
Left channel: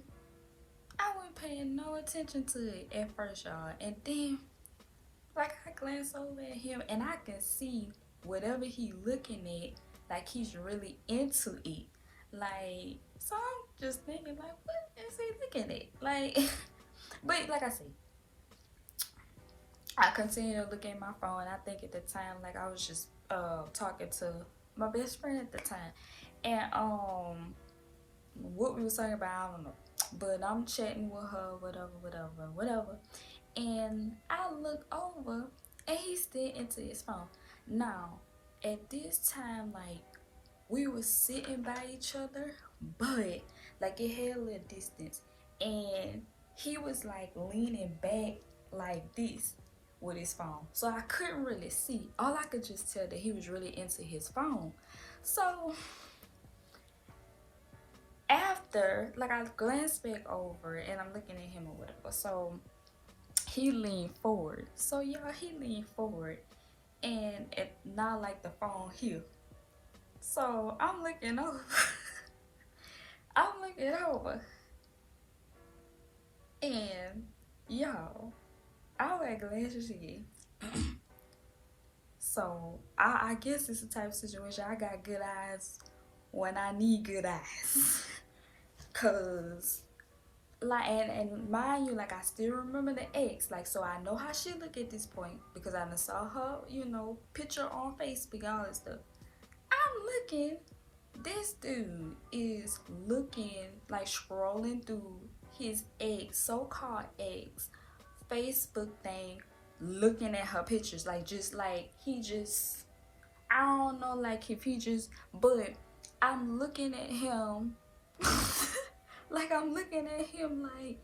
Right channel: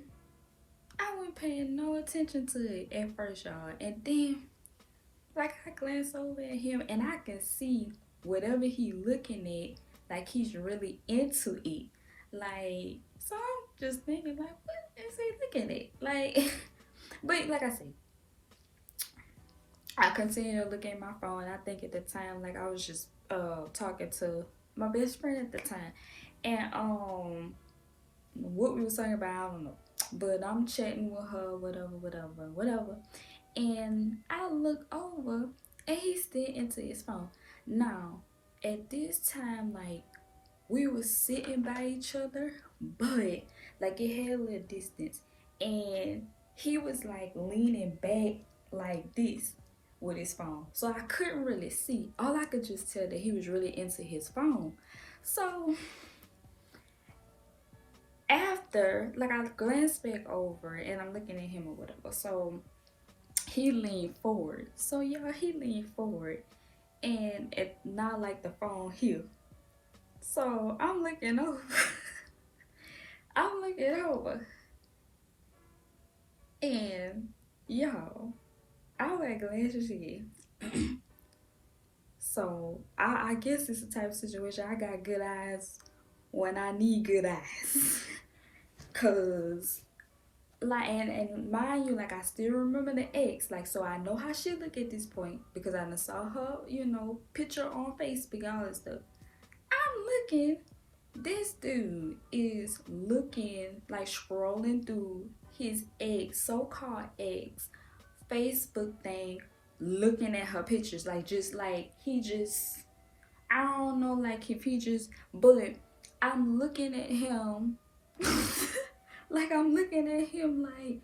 I wasn't paying no attention to it at first, y'all. And then, like, I glanced over at him, and I can see whatever he looking at, like he's really into it. Like, so I'm just thinking, like, what is he looking at? Like, but like I said, I continued to look at my phone. I think at the time, like I was just talking to my best friend at the time, and what we was talking about, I don't know, but I'm chatting with her, whatever, and I look over, and he's still into his phone. Now, at this time, like we were sitting by each other, but Like it had a little distance, and he was like leaning back like this with his phone. So I couldn't really see. All I could just tell that he was really into his phone. So after, like, I glanced back over and I'm looking at him or whatever. So he leaned forward. So y'all, he leaned forward and it not like the phone here. So I'm looking over. I'm looking over. And y'all, I was glasses again. So I guess it's the type of situation I got good eyes when I need good eyes. Cause like and mind you, like I still remember the ex, like so I know how she look at this point because I done saw her, you know, picture on Facebook and all that stuff. I'm looking, this dude is looking like scrolling through his ex, so-called ex, Facebook thing, looking at her pictures, like just like he just, I don't know, like if he just, but I'm looking at him like I'm looking at him like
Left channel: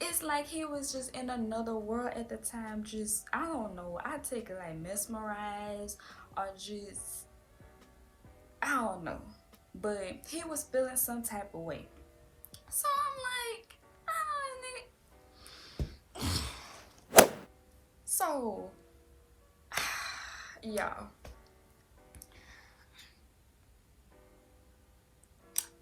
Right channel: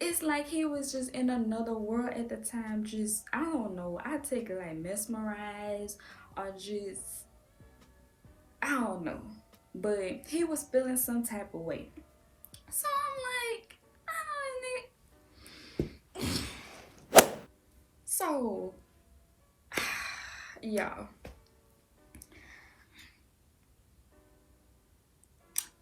it's like he was just in another world at the time. Just, I don't know, I take it like mesmerized or just, I don't know, but he was feeling some type of way. So I'm like, so y'all,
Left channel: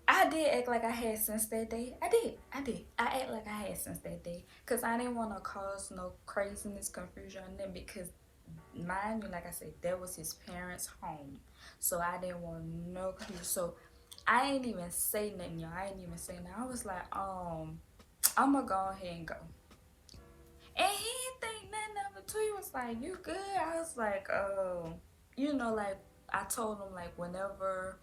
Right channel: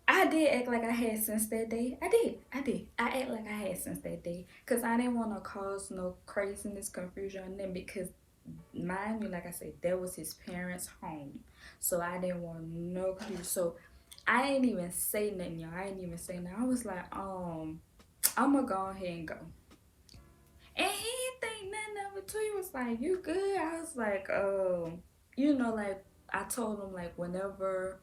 I did act like I had since that day. I did. I act like I had since that day. Because I didn't want to cause no craziness, confusion on them. Because, mind you, like I said, that was his parents' home. So I didn't want no clue. So I ain't even say nothing, y'all. I ain't even say nothing. I was like, I'm going to go ahead and go. And he didn't think nothing of it too. He was like, you good? I was like, you know, like, I told him, like, whenever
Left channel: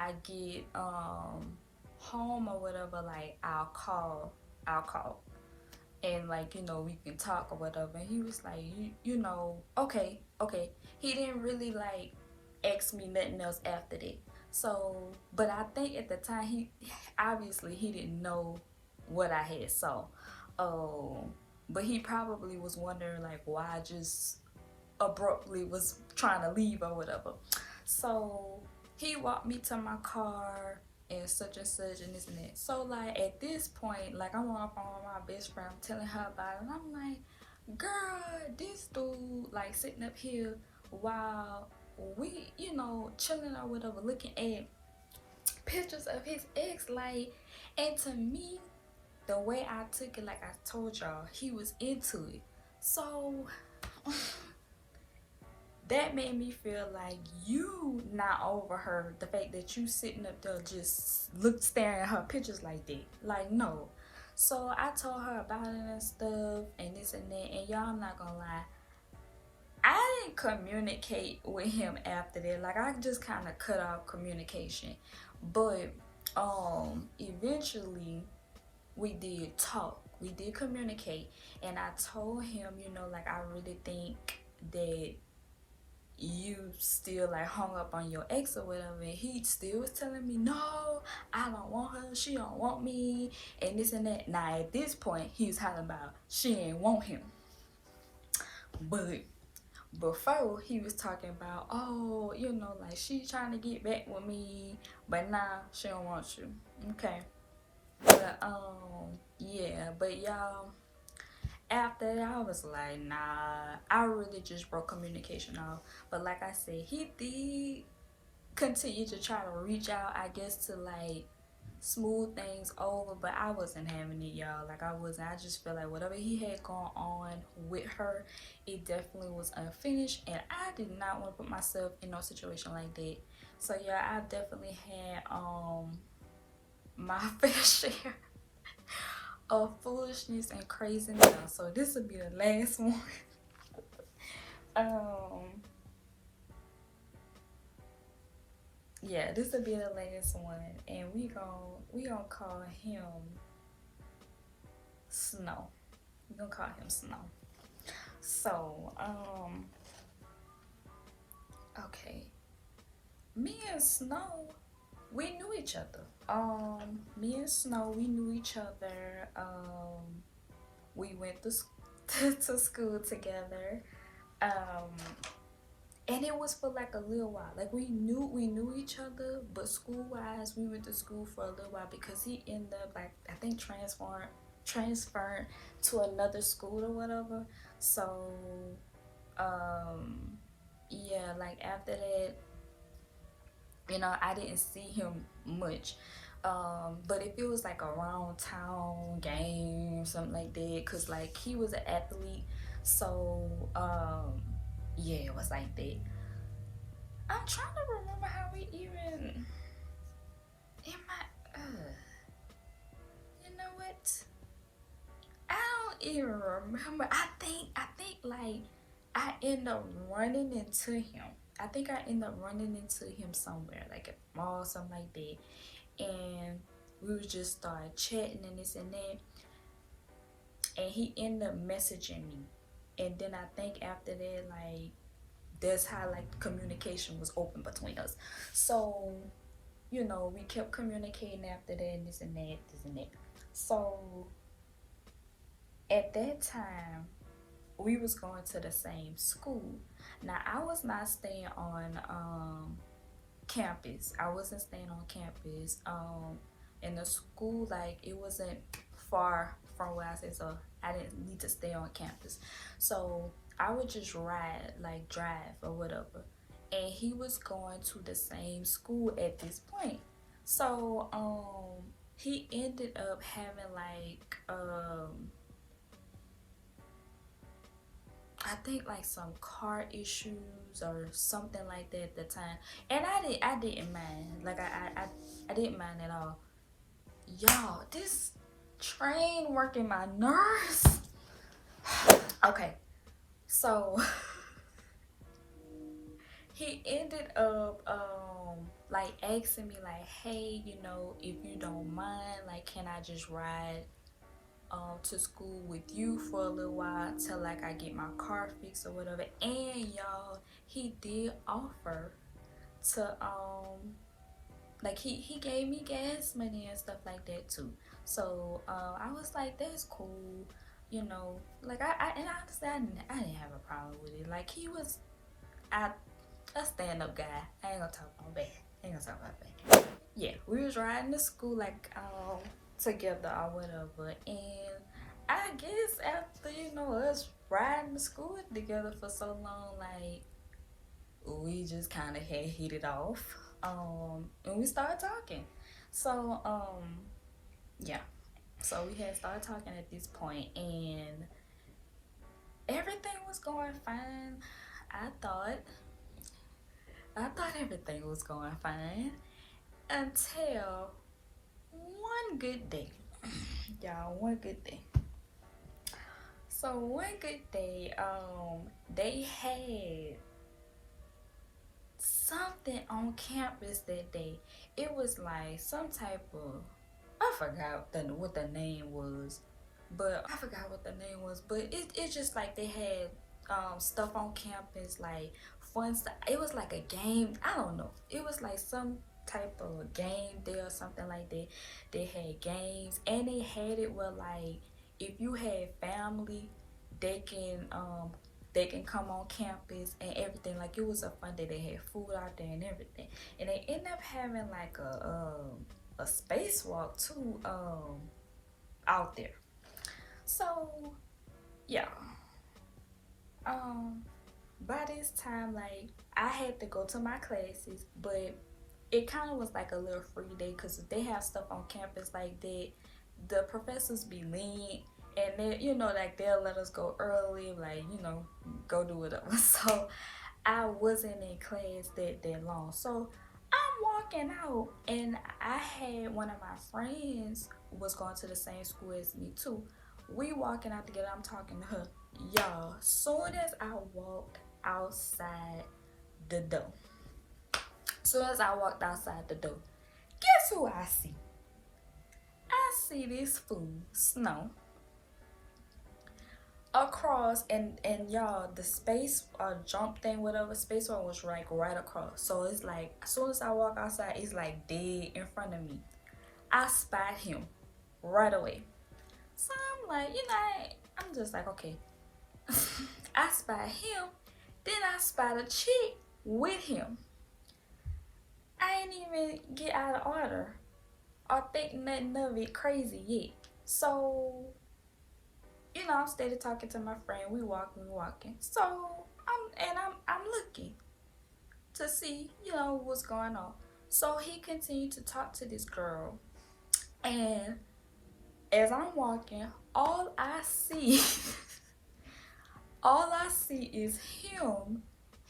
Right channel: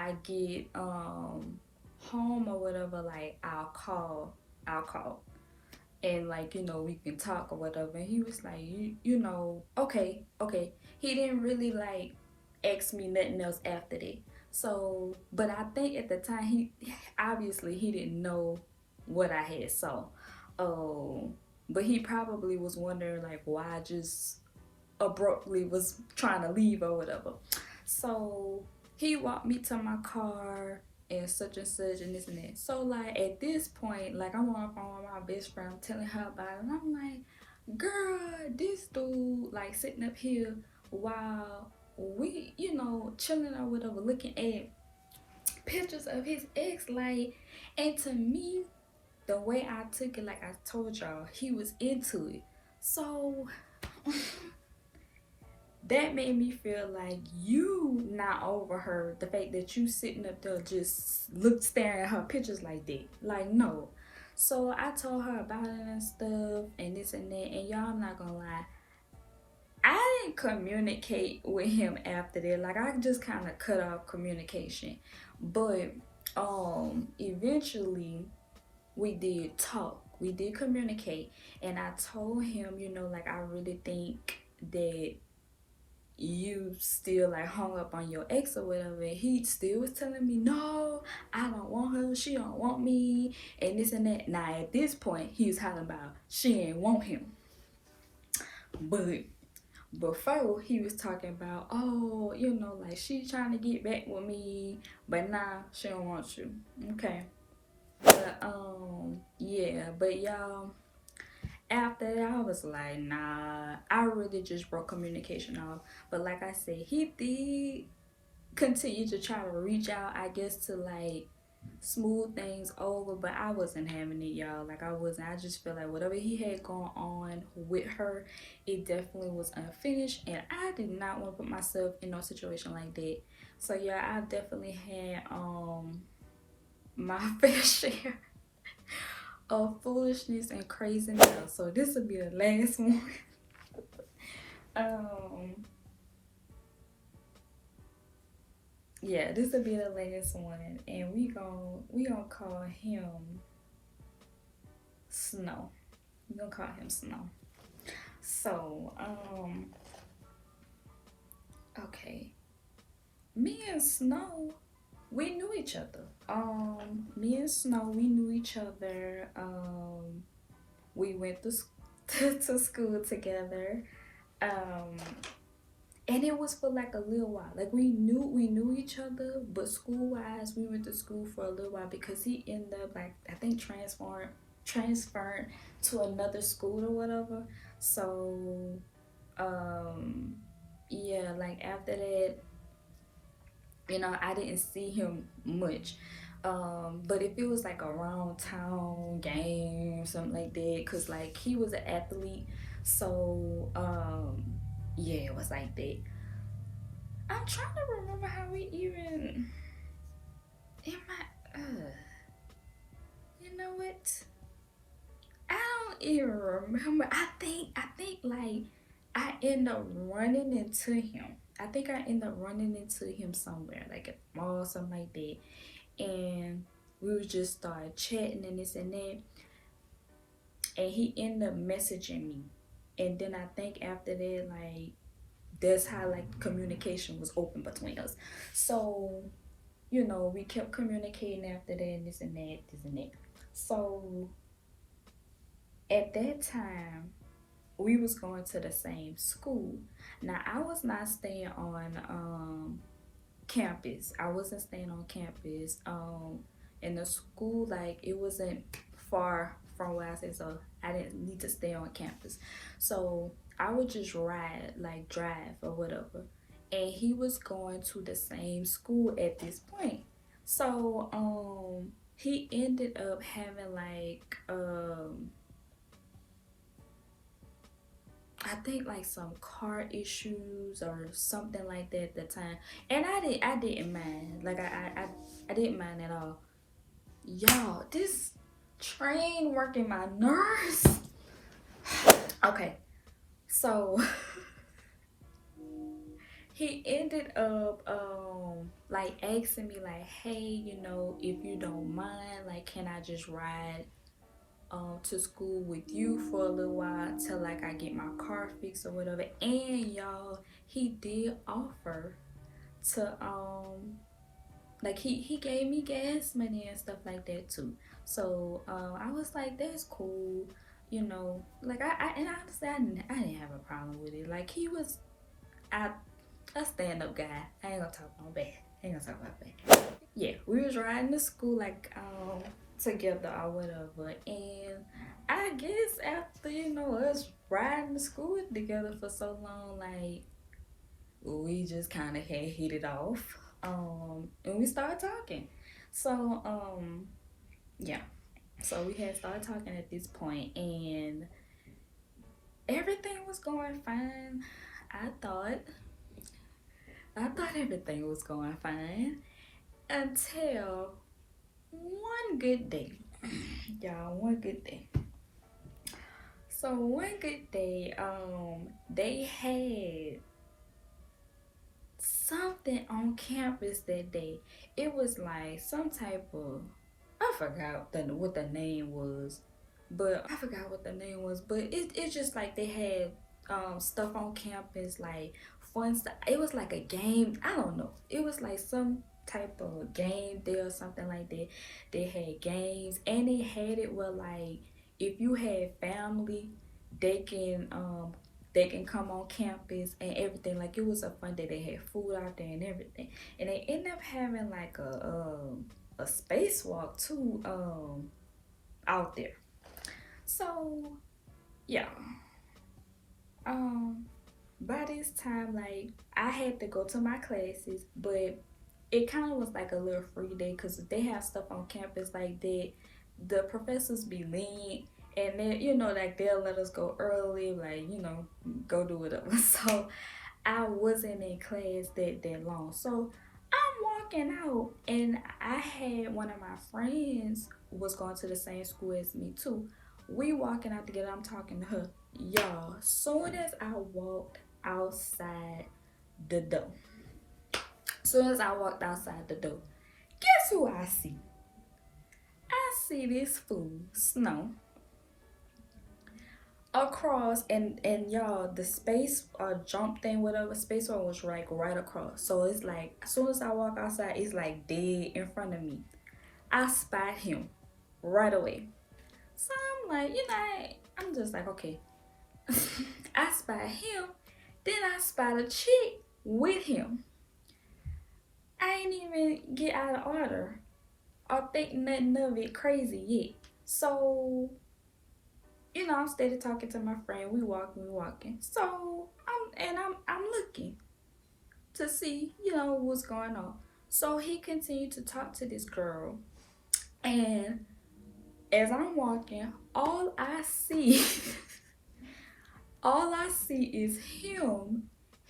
I get home or whatever, like I'll call and like, you know, we can talk or whatever. And he was like, you know, okay. He didn't really like ask me nothing else after that. So, but I think at the time he obviously he didn't know what I had saw. But he probably was wondering like why I just abruptly was trying to leave or whatever. So he walked me to my car and such and this and that. So like at this point, like I'm on the phone with my best friend, I'm telling her about it, and I'm like, girl, this dude like sitting up here while we, you know, chilling or whatever, looking at pictures of his ex, like, and to me, the way I took it, like I told y'all, he was into it. So that made me feel like you not overheard the fact that you sitting up there just staring at her pictures like that. Like, no. So I told her about it and stuff and this and that, and y'all, I'm not gonna lie, I didn't communicate with him after that. Like I just kind of cut off communication. But eventually we did talk, we did communicate, and I told him, you know, like I really think that you still like hung up on your ex or whatever. And he still was telling me, no, I don't want her, she don't want me, and this and that. Now at this point he was talking about she ain't want him, but before he was talking about, oh, you know, like she trying to get back with me, but nah, she don't want you. Okay. But yeah, but y'all, after that, I was like, nah, I really just broke communication off. But like I said, he did continue to try to reach out, I guess, to like smooth things over, but I wasn't having it, y'all. Like I wasn't. I just feel like whatever he had going on with her, it definitely was unfinished, and I did not want to put myself in no situation like that. So yeah, I've definitely had my fair share of foolishness and craziness. So this will be the last one. Yeah, this will be the last one, and we gonna call him Snow. We gonna call him Snow. So okay, me and Snow, we knew each other. Me and Snow, we knew each other. We went to to school together. Um, and it was for like a little while. Like we knew each other, but school wise, we went to school for a little while because he ended up like I think transferred to another school or whatever. So yeah, like after that, you know, I didn't see him much. But if it was like around town game or something like that, cause like he was an athlete, so yeah, it was like that. I'm trying to remember how we even in my you know what? I don't even remember. I think like I end up running into him. I think I end up running into him somewhere, like at the mall, something like that. And we would just start chatting and this and that. And he ended up messaging me. And then I think after that, like that's how like communication was open between us. So, you know, we kept communicating after that and this and that, this and that. So at that time, we was going to the same school. Now I was not staying on campus. I wasn't staying on campus. In the school, like it wasn't far from where I stayed, so I didn't need to stay on campus. So I would just ride, like drive or whatever. And he was going to the same school at this point. So he ended up having like I think like some car issues or something like that at the time, and I didn't mind. Like I didn't mind at all. Y'all, this train working my nerves. Okay, so he ended up like asking me like, hey, you know, if you don't mind, like, can I just ride to school with you for a little while till like I get my car fixed or whatever. And y'all, he did offer to like he gave me gas money and stuff like that too. So I was like, that's cool, you know. Like I and honestly I didn't have a problem with it. Like he was a stand-up guy. I ain't gonna talk about bad. Yeah, we was riding to school like together or whatever, and I guess after, you know, us riding to school together for so long, like we just kind of had hit it off, and we started talking. So yeah, so we had started talking at this point, and everything was going fine. I thought everything was going fine until one good day. Y'all, one good day. So one good day, they had something on campus that day. It was like some type of, I forgot what the name was, but it's just like they had stuff on campus, like fun stuff. It was like a game. I don't know. It was like some type of game there or something like that. They had games, and they had it where like if you had family, they can come on campus and everything. Like it was a fun day. They had food out there and everything, and they ended up having like a spacewalk too out there. So yeah, by this time, like I had to go to my classes, but it kind of was like a little free day because they have stuff on campus like that. The professors be lenient, and then, you know, like they'll let us go early, like, you know, go do whatever. So I wasn't in class that long. So I'm walking out, and I had one of my friends was going to the same school as me too. We walking out together. I'm talking to her. Y'all, soon as I walked outside the door, guess who I see? I see this fool, Snow, across, and y'all, the space jump thing, whatever, space one was like right across. So it's like as soon as I walk outside, it's like dead in front of me. I spot him right away. So I'm like, I'm just like, okay. I spot him, then I spot a chick with him. I ain't even get out of order or think nothing of it crazy yet. So, I'm steady talking to my friend. We walking. So I'm looking to see, what's going on. So he continued to talk to this girl, and as I'm walking, all I see is him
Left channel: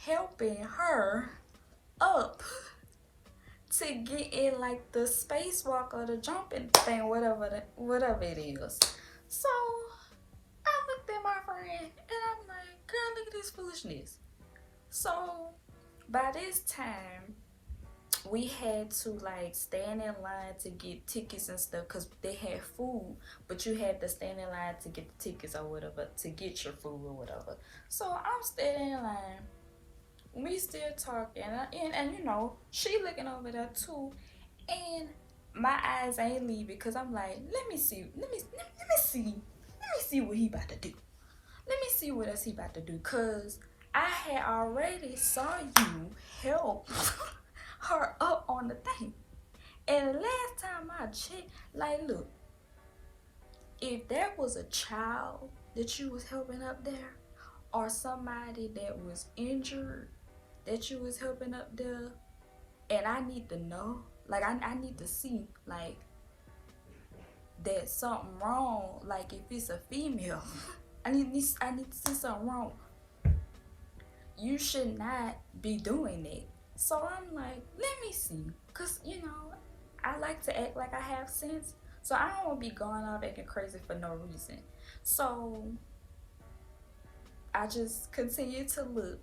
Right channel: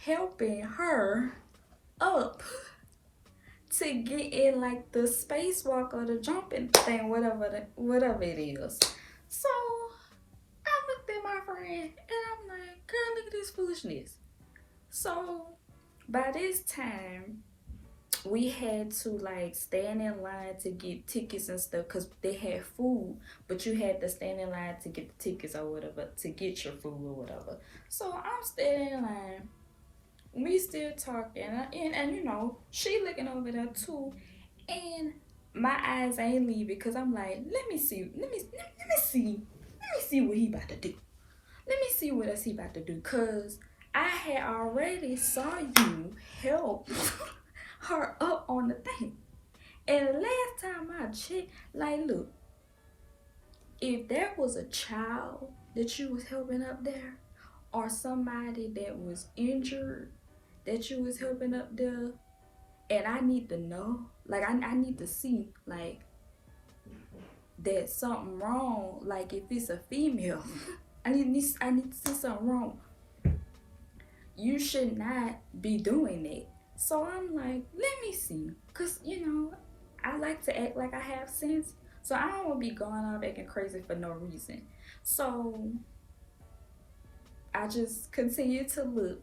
helping her up to get in like the spacewalk or the jumping thing, whatever it is. So I looked at my friend and I'm like, girl, look at this foolishness. So by this time, we had to like stand in line to get tickets and stuff because they had food, but you had to stand in line to get the tickets or whatever, to get your food or whatever. So I'm standing in line, we still talking, and she looking over there too, and my eyes ain't leaving because I'm like, let me see what he about to do. Let me see what else he about to do, cause I had already saw you help her up on the thing. And the last time I checked, like, look, if there was a child that you was helping up there, or somebody that was injured that you was helping up there, and I need to know, like, I need to see, like, that something wrong. Like, if it's a female, I need to see something wrong. You should not be doing that. So I'm like, let me see, cause I like to act like I have sense, so I don't want to be going out acting crazy for no reason. So I just continued to look.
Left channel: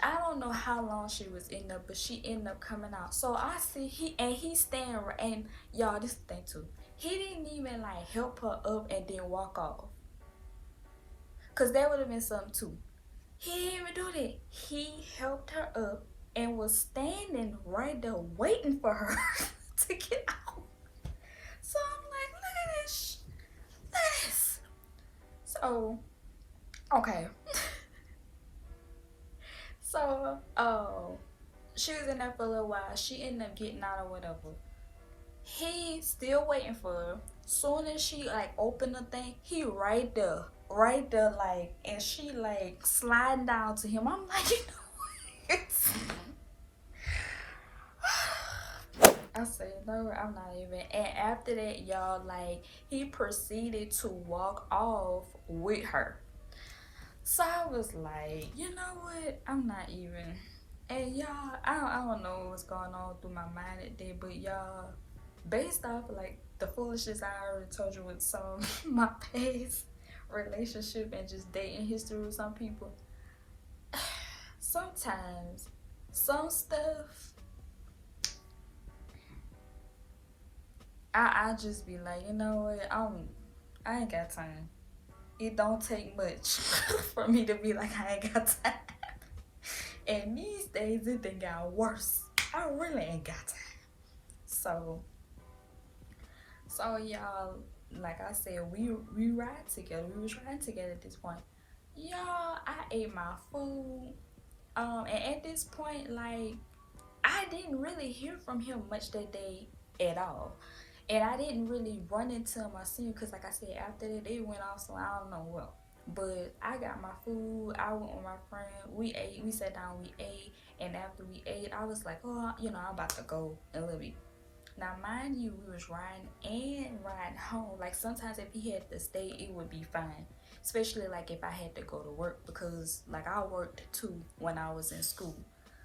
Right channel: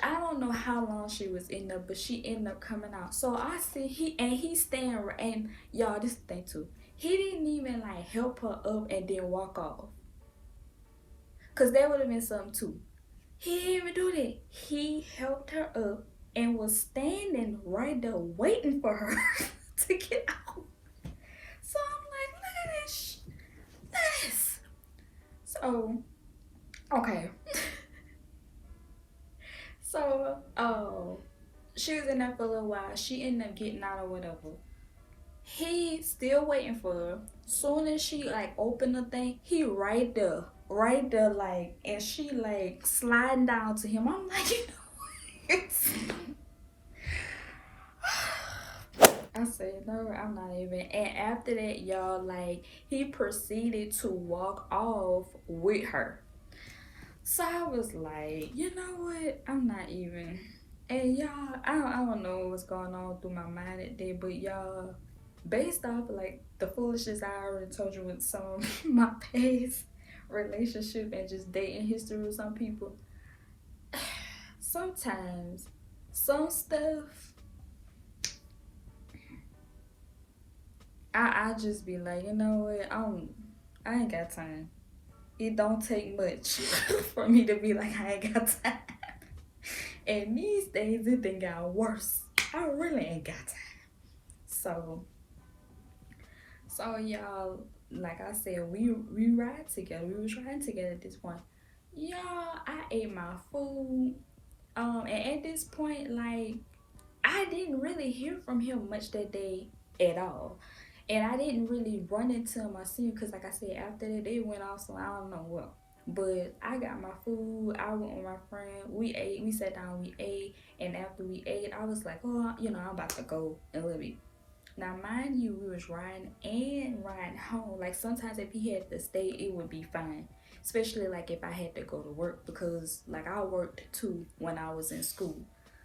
I don't know how long she was in there, but she ended up coming out. So I see he's staying, and y'all, this thing too, he didn't even like help her up and then walk off, cause that would have been something too. He didn't even do that. He helped her up and was standing right there waiting for her to get out. So I'm like, look at this. So, okay. So, she was in there for a little while. She ended up getting out or whatever. He still waiting for her. Soon as she like opened the thing, he right there, like, and she like sliding down to him. I'm like, I said, no, I'm not even. And after that, y'all, like, he proceeded to walk off with her. So I was like, you know what? I'm not even. And y'all, I don't know what was going on through my mind that day, but y'all, based off like the foolishness I already told you with some of my past relationship and just dating history with some people, sometimes some stuff I just be like, you know what, I ain't got time. It don't take much for me to be like, I ain't got time. And these days it done got worse. I really ain't got time. So y'all, like I said, we ride together. We was riding together at this point. Y'all, I ate my food. And at this point, like, I didn't really hear from him much that day at all. And I didn't really run into him or see him because, like I said, after that, they went off, so I don't know what. But I got my food. I went with my friend. We ate. We sat down. We ate. And after we ate, I was like, oh, I'm about to go in a little bit. Now, mind you, we was riding home. Like, sometimes if he had to stay, it would be fine. Especially, like, if I had to go to work because, like, I worked, too, when I was in school.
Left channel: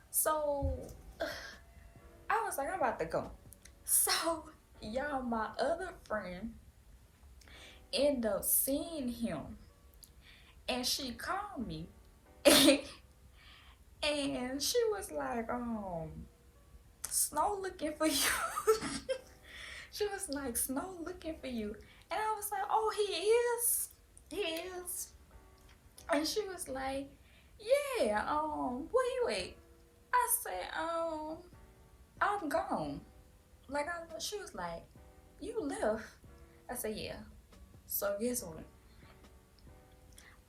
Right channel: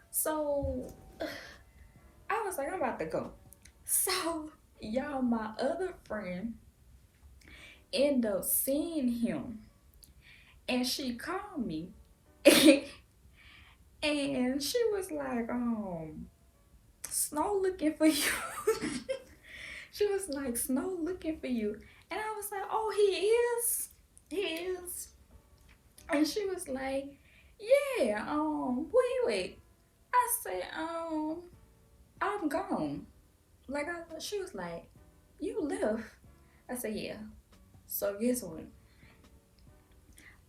So, I was like, I'm about to go. So, y'all, my other friend ended up seeing him. And she called me. And she was like, Snow looking for you. She was like, Snow looking for you. And I was like, oh, he is. And she was like, yeah, where you at? I said, I'm gone. Like, she was like, you left? I said, yeah. So guess what?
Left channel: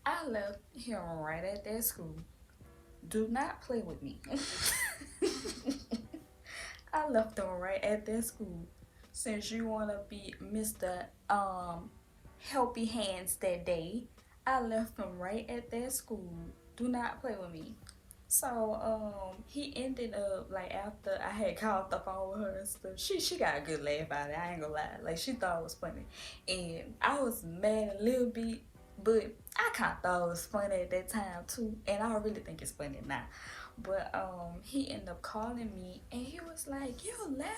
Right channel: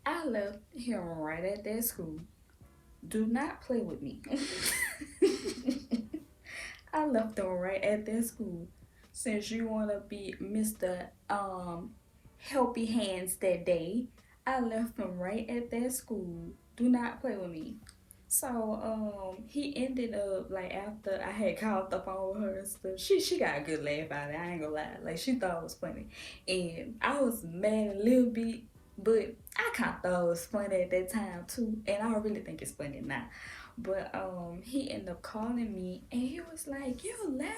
I left him right at that school. Do not play with me. I left him right at that school. Since you want to be Mr. Helpy Hands that day, I left him right at that school. Do not play with me. So he ended up, like, after I had called the phone with her and stuff, she got a good laugh out of it. I ain't gonna lie. Like, she thought it was funny. And I was mad a little bit, but I kinda thought it was funny at that time too. And I really think it's funny now. But he ended up calling me and he was like, you left?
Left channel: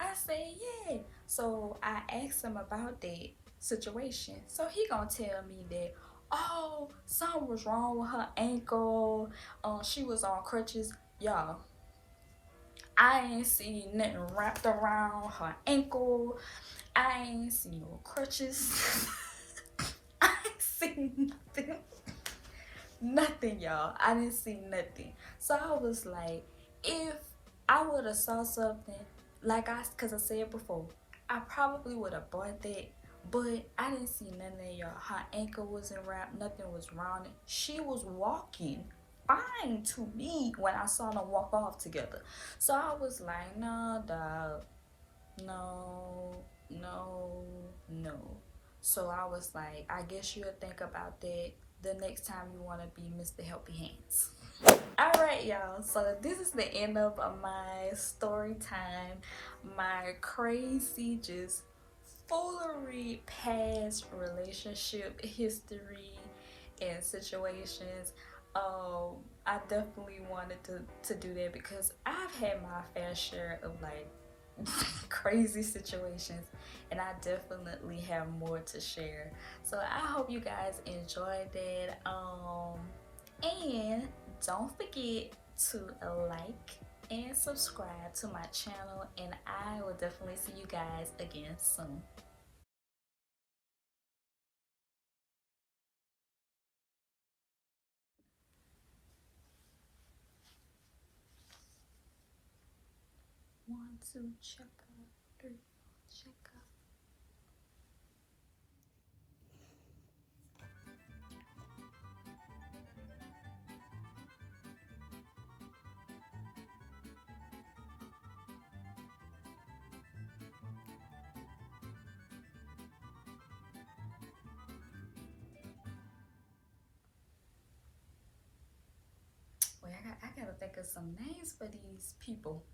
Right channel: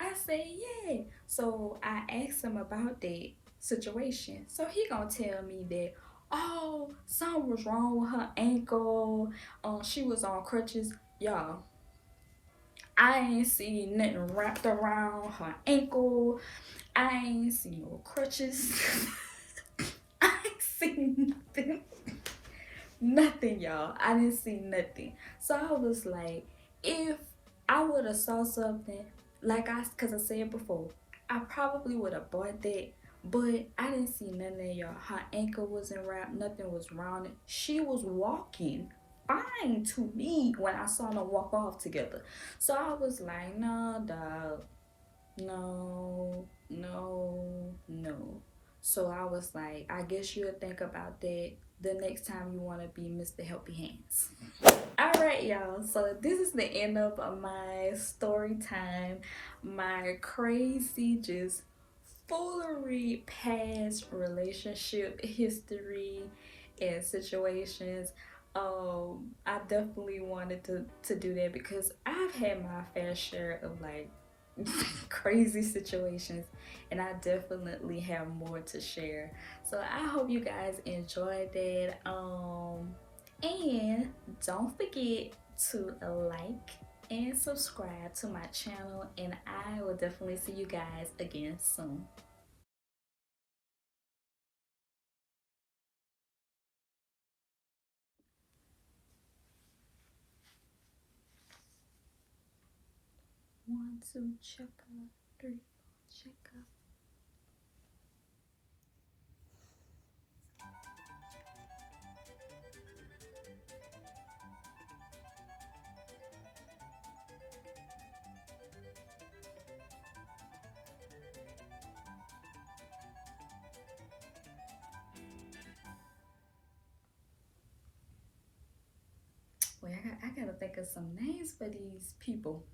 I said, yeah. So I asked him about that situation. So he gonna tell me that, oh, something was wrong with her ankle. She was on crutches. Y'all, I ain't see nothing wrapped around her ankle. I ain't see no crutches. I ain't seen nothing. Nothing, y'all. I didn't see nothing. So I was like, if I would have saw something, cause I said before, I probably would have bought that. But I didn't see nothing, y'all. Her ankle wasn't wrapped. Nothing was wrong. She was walking fine to me when I saw them walk off together. So I was like, no, dog. No, no, no. So I was like, I guess you'll think about that the next time you want to be Mr. Helpy Hands. Alright, y'all, so this is the end of my story time, my crazy just foolery past relationship history and situations. I definitely wanted to do that because I've had my fair share of like crazy situations, and I definitely have more to share. So I hope you guys enjoyed that. And don't forget to like and subscribe to my channel, and I will definitely see you guys again soon. 1, 2, check out, 3, 4, check out. Wait, I gotta think of some names for these people.